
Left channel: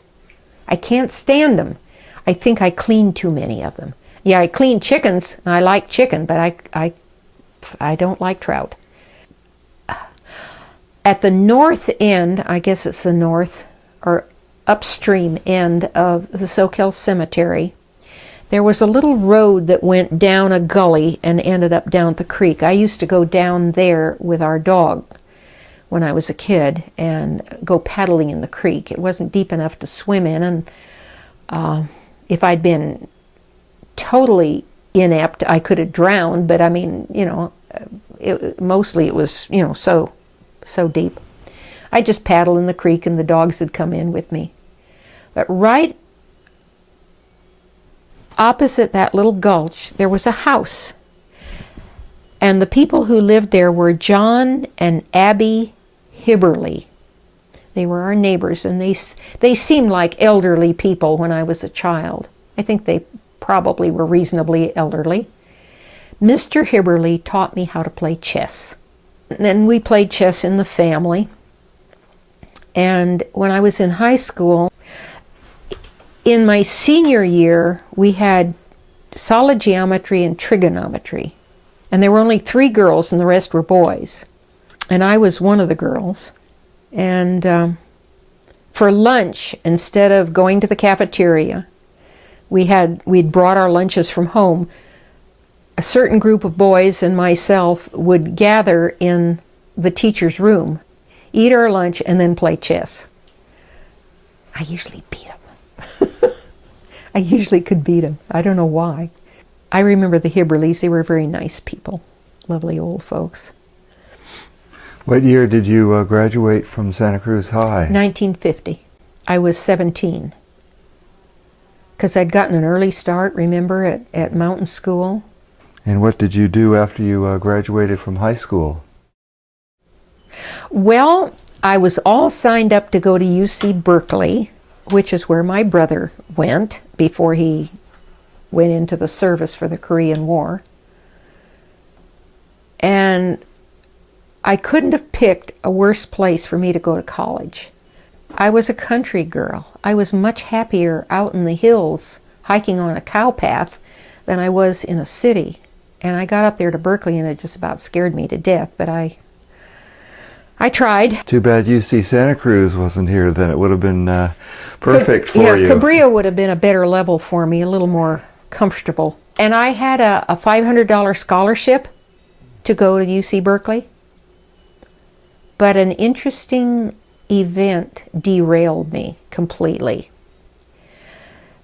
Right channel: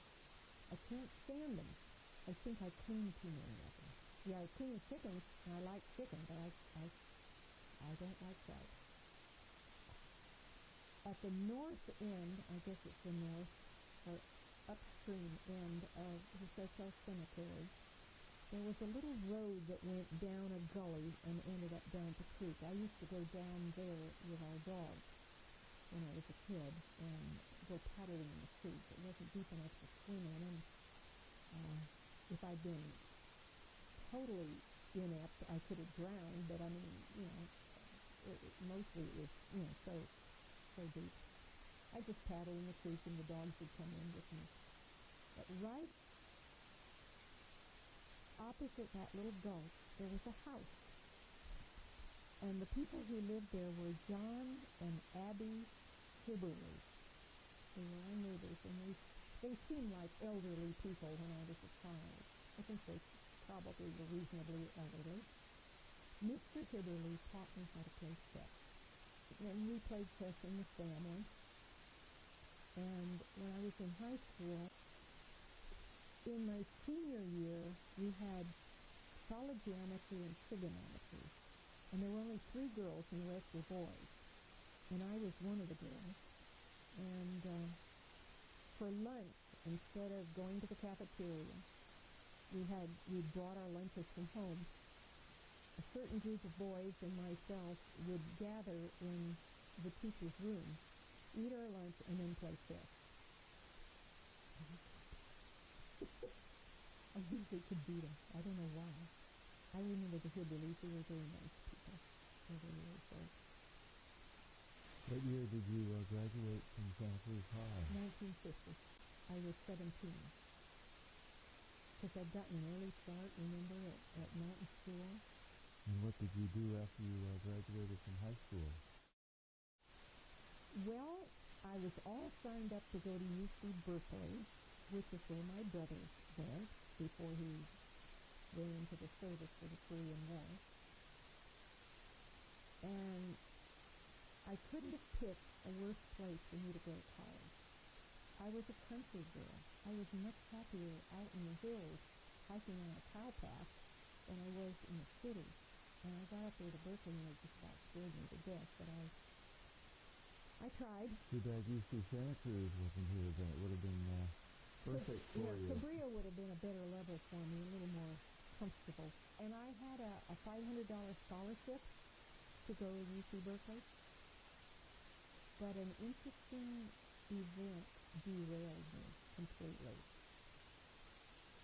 I can't stand them. I think I clean too many of them. Yeah, I clean chickens, and I like chicken, but I don't like trout. At the north end, I guess it's the north or upstream end of the Soquel Cemetery, there was a little road that went down a gully and ended up down the creek. I used to go down there with our dog when I was a kid and go paddling in the creek. It wasn't deep enough to swim in, and if I'd been totally inept, I could have drowned, but I mean, you know, mostly it was, you know, so deep. I'd just paddle in the creek and the dogs would come in with me. But right opposite that little gulch, there was a house. And the people who lived there were John and Abby Hibberly. They were our neighbors, and they seemed like elderly people when I was a child. I think they probably were reasonably elderly. Mr. Hibberly taught me how to play chess. And then we played chess in the family. And when I was in high school, in my senior year, we had solid geometry and trigonometry. And there were only 3 girls and the rest were boys. And I was one of the girls. And for lunch, instead of going to the cafeteria, we'd brought our lunches from home. A certain group of boys and myself would gather in the teacher's room, eat our lunch, and then play chess. I usually beat them. I usually could beat them. I don't know why. I remember the Hibberleys. They were very nice people, lovely old folks. What year did you graduate from Santa Cruz High? 1950. I was 17. Because I'd gotten an early start, remember, at mountain school. And what did you do after you graduated from high school? Well, I was all signed up to go to UC Berkeley, which is where my brother went before he went into the service for the Korean War. And I couldn't have picked a worse place for me to go to college. I was a country girl. I was much happier out in the hills hiking on a cow path than I was in a city. And I got up there to Berkeley and it just about scared me to death, but I tried. Too bad UC Santa Cruz wasn't here, then it would have been perfect for you. Cabrillo would have been a better level for me, a little more comfortable. And I had a $500 scholarship to go to UC Berkeley. But an interesting event derailed me completely.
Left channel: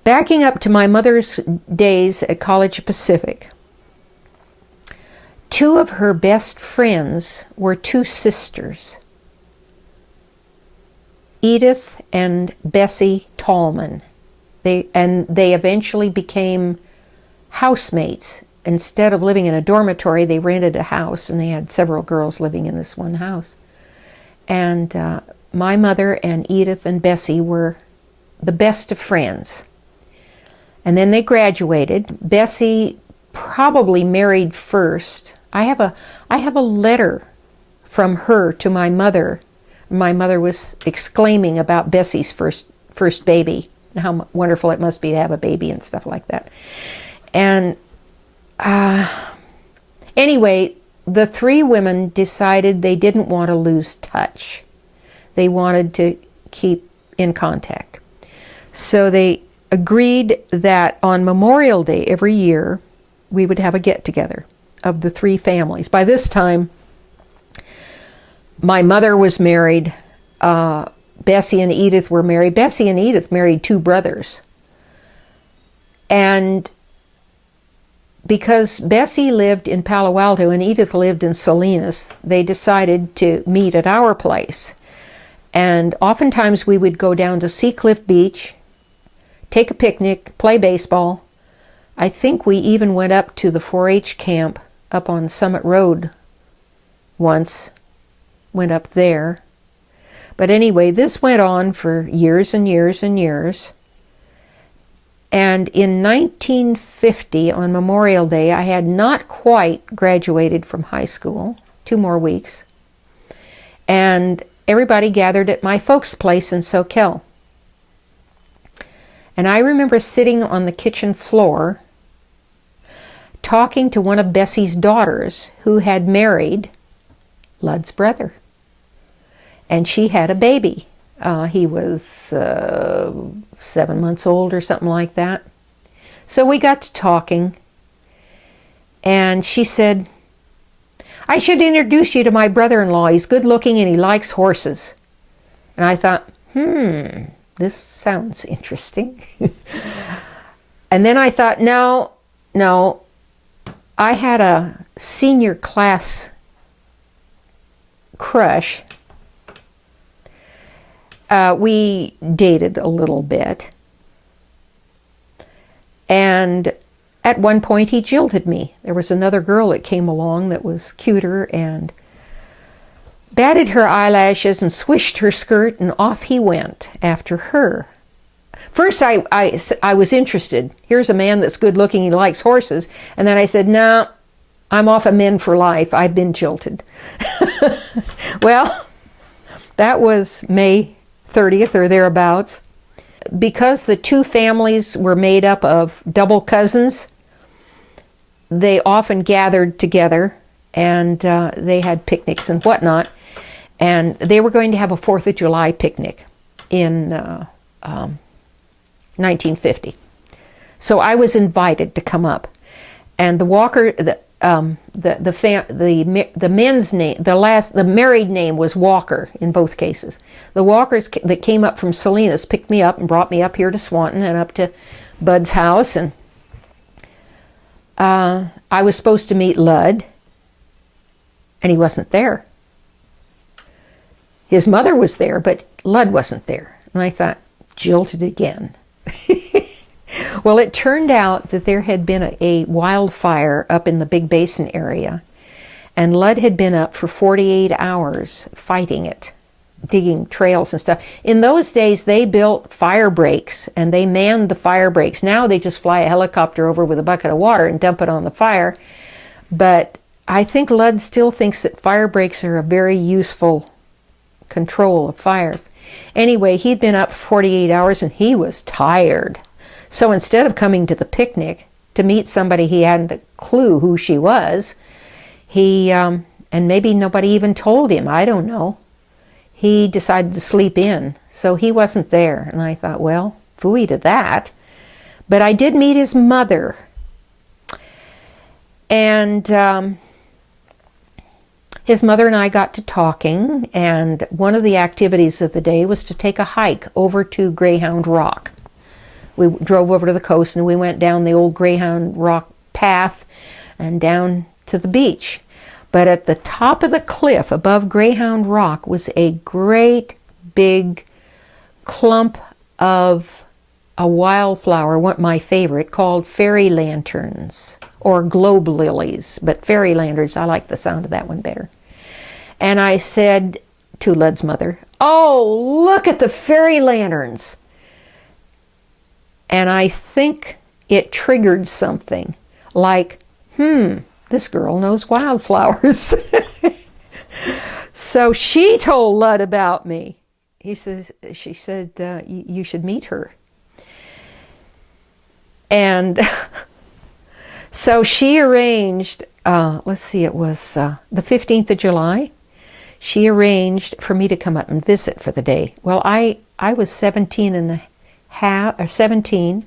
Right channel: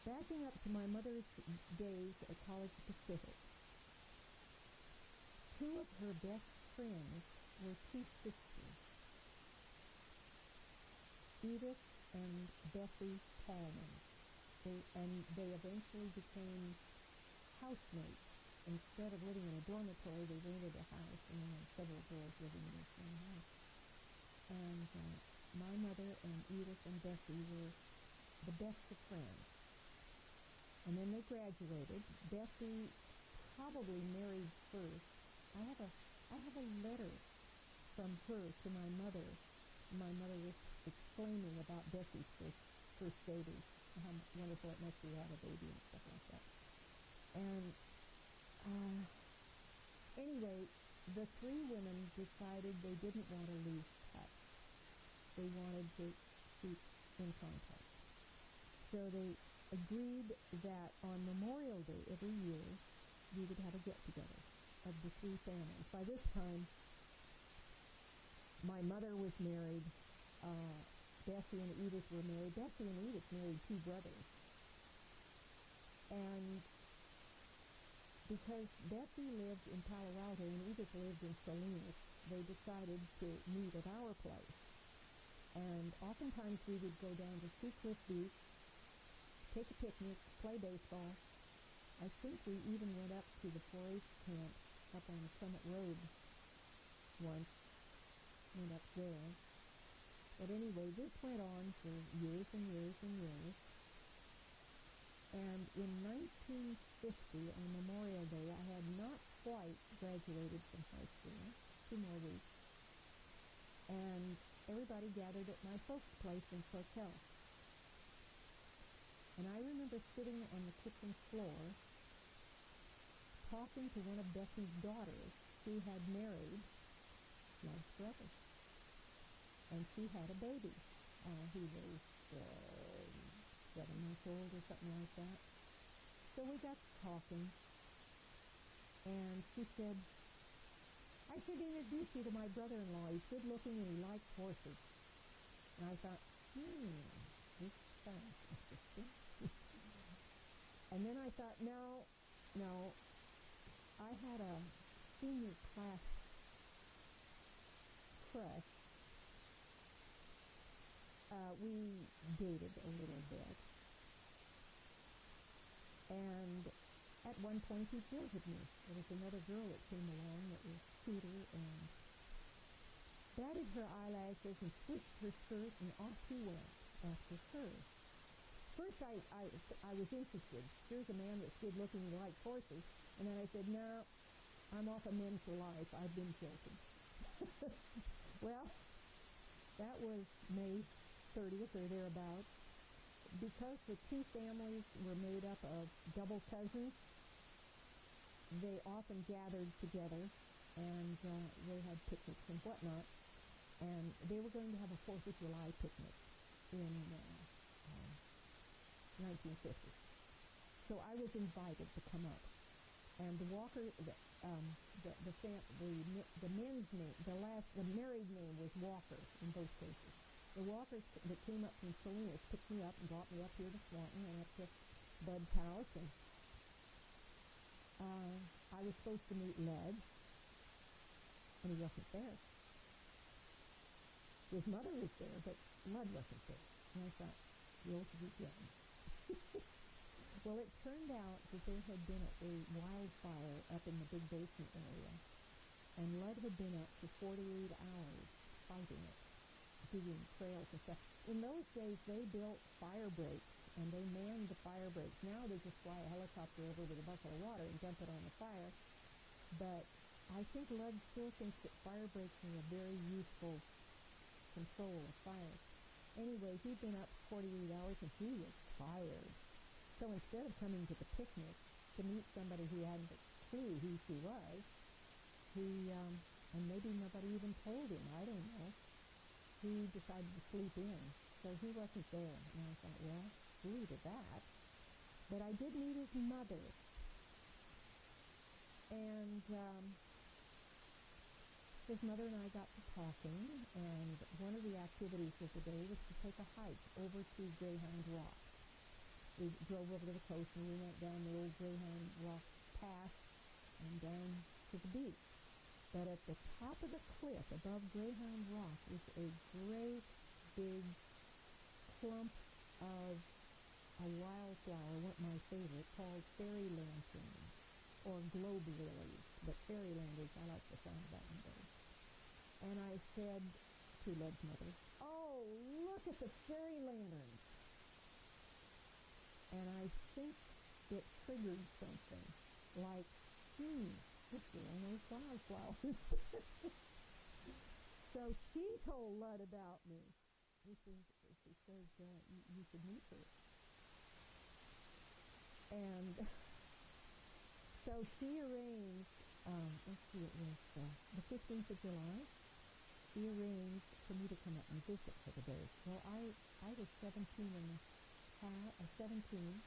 Backing up to my mother's days at College Pacific, 2 of her best friends were 2 sisters, Edith and Bessie Tallman. They eventually became housemates. Instead of living in a dormitory, they rented a house, and they had several girls living in this one house. And my mother and Edith and Bessie were the best of friends. And then they graduated. Bessie probably married first, I have a letter from her to my mother. My mother was exclaiming about Bessie's first baby, and how wonderful it must be to have a baby and stuff like that. And anyway, the three women decided they didn't want to lose touch. They wanted to keep in contact. So they agreed that on Memorial Day every year, we would have a get-together of the three families. By this time, my mother was married. Bessie and Edith were married. Bessie and Edith married two brothers. And because Bessie lived in Palo Alto and Edith lived in Salinas, they decided to meet at our place. And oftentimes we would go down to Seacliff Beach, take a picnic, play baseball. I think we even went up to the 4-H camp up on Summit Road once, went up there. But anyway, this went on for years and years and years. And in 1950, on Memorial Day, I had not quite graduated from high school, 2 more weeks. And everybody gathered at my folks' place in Soquel. And I remember sitting on the kitchen floor talking to one of Bessie's daughters who had married Lud's brother. And she had a baby. He was 7 months old or something like that. So we got to talking, and she said, "I should introduce you to my brother-in-law. He's good looking and he likes horses." And I thought, this sounds interesting. And then I thought, no, I had a senior class crush. We dated a little bit. And at one point he jilted me. There was another girl that came along that was cuter and batted her eyelashes and swished her skirt, and off he went after her. First I was interested. Here's a man that's good looking, he likes horses. And then I said, no, I'm off of men for life. I've been jilted. Well, that was May 30th or thereabouts. Because the two families were made up of double cousins, they often gathered together, and they had picnics and whatnot. And they were going to have a 4th of July picnic in 1950. So I was invited to come up. And the Walker, the men's name, the married name was Walker in both cases. The Walkers that came up from Salinas picked me up and brought me up here to Swanton and up to Bud's house. And I was supposed to meet Lud, and he wasn't there. His mother was there, but Lud wasn't there. And I thought, jilted again. Well, it turned out that there had been a wildfire up in the Big Basin area, and Lud had been up for 48 hours fighting it, digging trails and stuff. In those days, they built fire breaks, and they manned the fire breaks. Now they just fly a helicopter over with a bucket of water and dump it on the fire. But I think Lud still thinks that fire breaks are a very useful control of fire. Anyway, he'd been up for 48 hours, and he was tired. So instead of coming to the picnic to meet somebody he hadn't a clue who she was, he, and maybe nobody even told him, I don't know, he decided to sleep in. So he wasn't there. And I thought, well, phooey to that. But I did meet his mother. And his mother and I got to talking, and one of the activities of the day was to take a hike over to Greyhound Rock. We drove over to the coast, and we went down the old Greyhound Rock path and down to the beach. But at the top of the cliff above Greyhound Rock was a great big clump of a wildflower, my favorite, called fairy lanterns, or globe lilies. But fairy lanterns, I like the sound of that one better. And I said to Lud's mother, "Oh, look at the fairy lanterns." And I think it triggered something like, this girl knows wildflowers. So she told Lud about me. She said, you should meet her. And so she arranged, let's see, it was the 15th of July. She arranged for me to come up and visit for the day. Well, I was 17 and a half, or 17,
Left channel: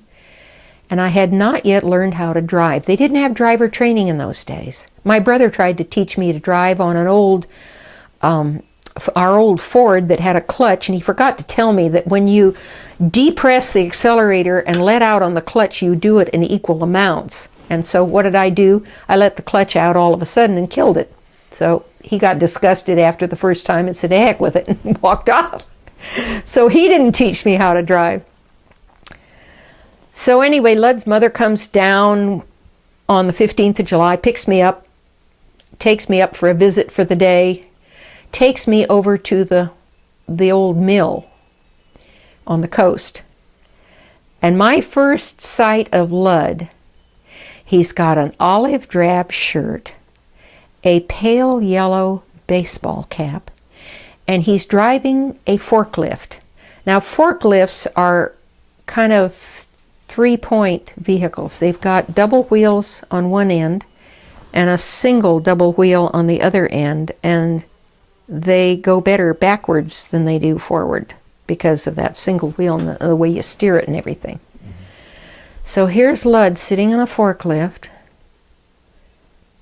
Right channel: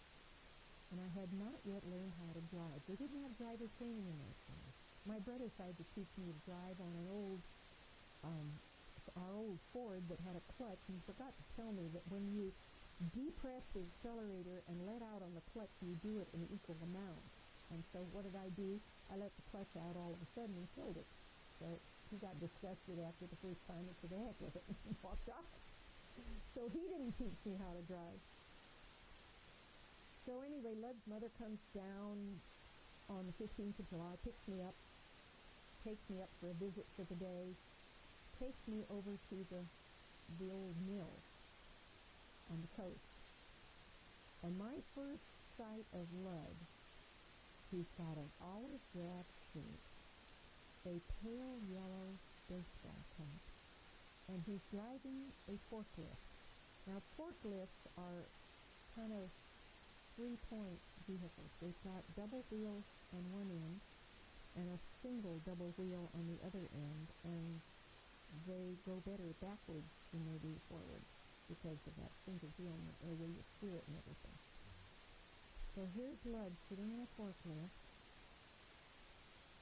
and I had not yet learned how to drive. They didn't have driver training in those days. My brother tried to teach me to drive on an old, our old Ford that had a clutch, and he forgot to tell me that when you depress the accelerator and let out on the clutch, you do it in equal amounts. And so what did I do? I let the clutch out all of a sudden and killed it. So he got disgusted after the first time and said, heck with it, and walked off. So he didn't teach me how to drive. So anyway, Lud's mother comes down on the 15th of July, picks me up, takes me up for a visit for the day, takes me over to the old mill on the coast. And my first sight of Lud, he's got an olive drab shirt, a pale yellow baseball cap, and he's driving a forklift. Now, forklifts are kind of three-point vehicles. They've got double wheels on one end and a single double wheel on the other end, and they go better backwards than they do forward because of that single wheel and the way you steer it and everything. Mm-hmm. So here's Lud sitting on a forklift,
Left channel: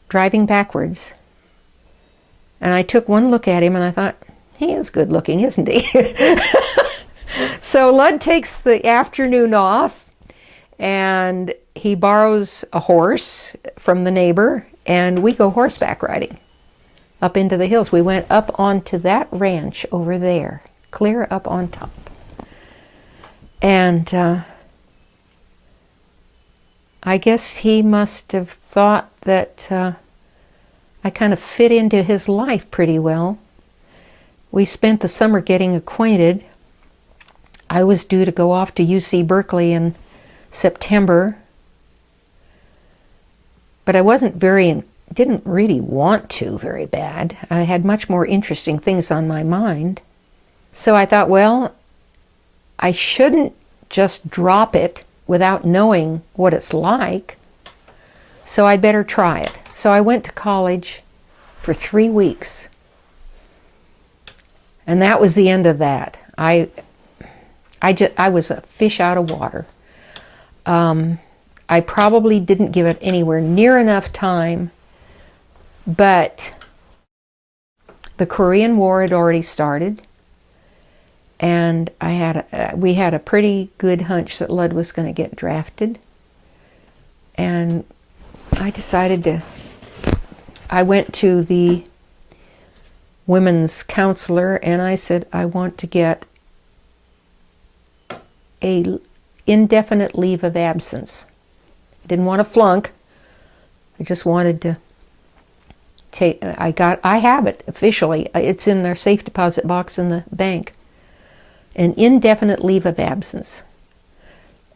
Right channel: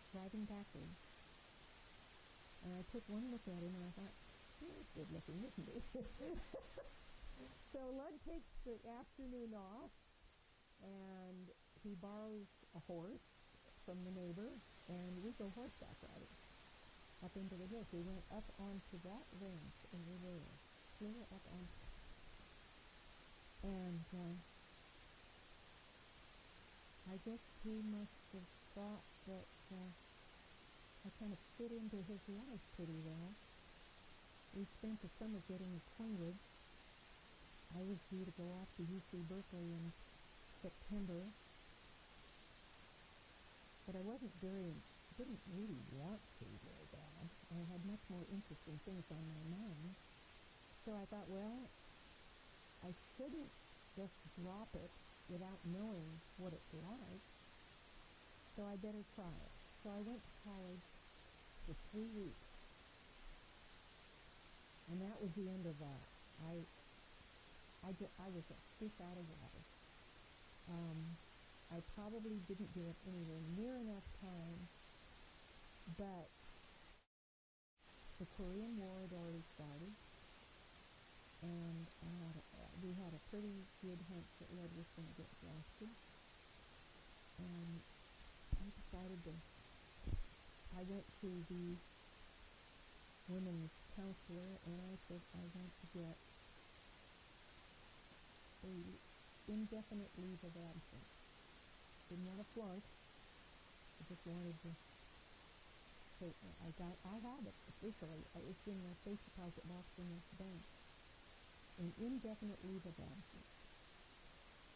driving backwards. And I took one look at him and I thought, he is good looking, isn't he? So Lud takes the afternoon off and he borrows a horse from the neighbor and we go horseback riding up into the hills. We went up onto that ranch over there, clear up on top. And I guess he must have thought that I kind of fit into his life pretty well. We spent the summer getting acquainted. I was due to go off to UC Berkeley in September, but I didn't really want to very bad. I had much more interesting things on my mind. So I thought, well, I shouldn't just drop it without knowing what it's like, so I'd better try it. So I went to college for 3 weeks. And that was the end of that. I was a fish out of water. I probably didn't give it anywhere near enough time, but the Korean War had already started, and we had a pretty good hunch that Lud was going to get drafted. And I decided I went to the women's counselor and I said, I want to get a indefinite leave of absence. I didn't want to flunk. I just wanted to take, I have it officially. It's in their safe deposit box in the bank. An indefinite leave of absence.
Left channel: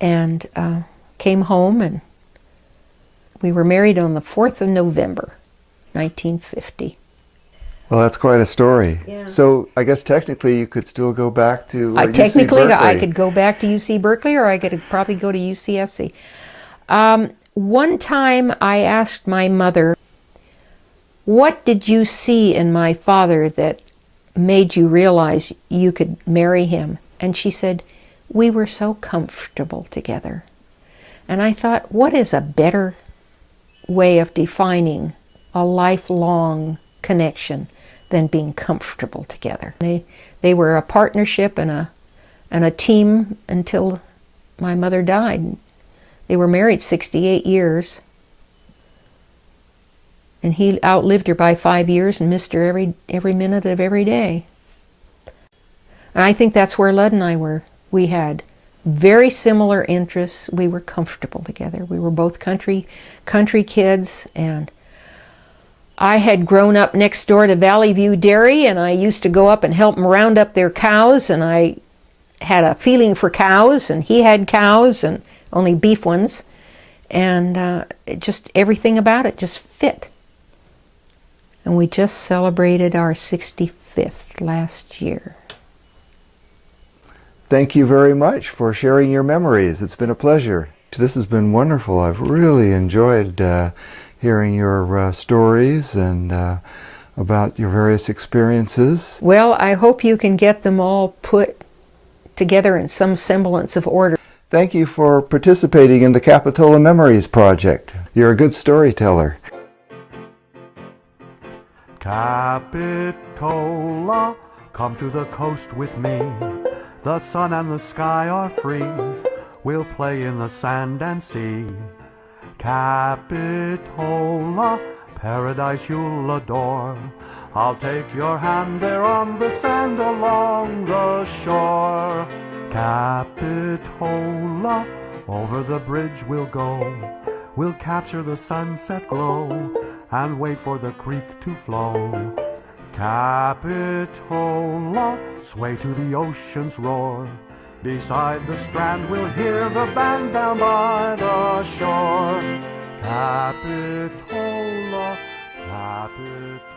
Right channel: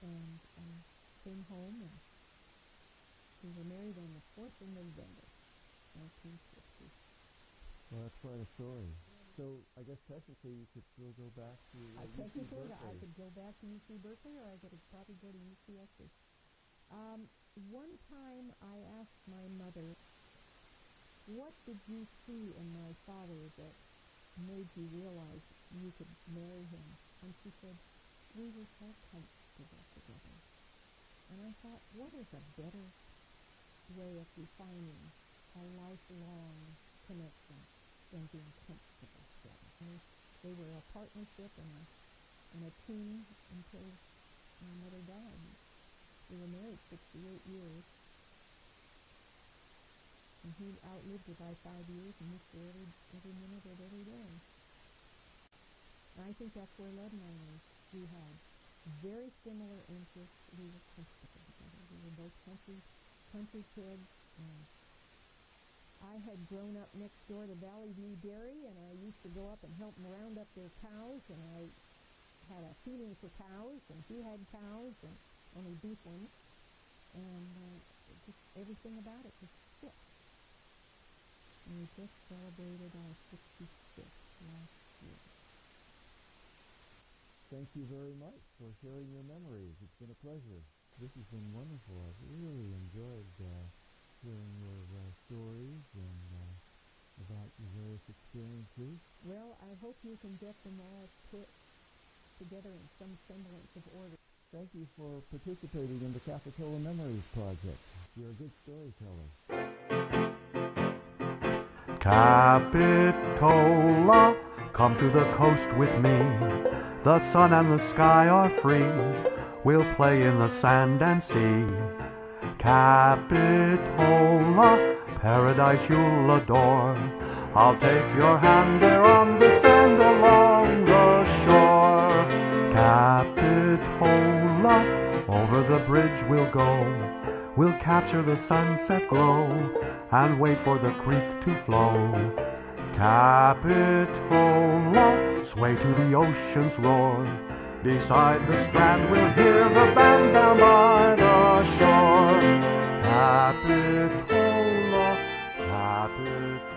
And came home, and we were married on the 4th of November, 1950. Well, that's quite a story. Yeah. So I guess technically you could still go back to technically, UC Berkeley. I could go back to UC Berkeley, or I could probably go to UCSC. One time I asked my mother, what did you see in my father that made you realize you could marry him? And she said, we were so comfortable together. And I thought, what is a better way of defining a lifelong connection than being comfortable together? They were a partnership and a team until my mother died. They were married 68 years. And he outlived her by 5 years and missed her every minute of every day. And I think that's where Lud and I were. We had very similar interests. We were comfortable together. We were both country kids, and I had grown up next door to Valley View Dairy, and I used to go up and help them round up their cows, and I had a feeling for cows, and he had cows, and only beef ones, and just everything about it just fit. and we just celebrated our 65th last year. Thank you very much for sharing your memories. It's been a pleasure. This has been wonderful. I've really enjoyed hearing your stories and about your various experiences. Well, I hope you can get them all put together in some semblance of order. Thank you for participating in the Capitola Memories Project. You're a good storyteller. Capitola, come to the coast with me. The sun and the sky are free. We'll play in the sand and sea. Capitola, paradise you'll adore. I'll take your hand there on the sand along the shore. Capitola, over the bridge we'll go. We'll capture the sunset glow and wait for the creek to flow. Capitola, sway to the ocean's roar. Beside the strand we'll hear the band down by the shore. Capitola, Capitola.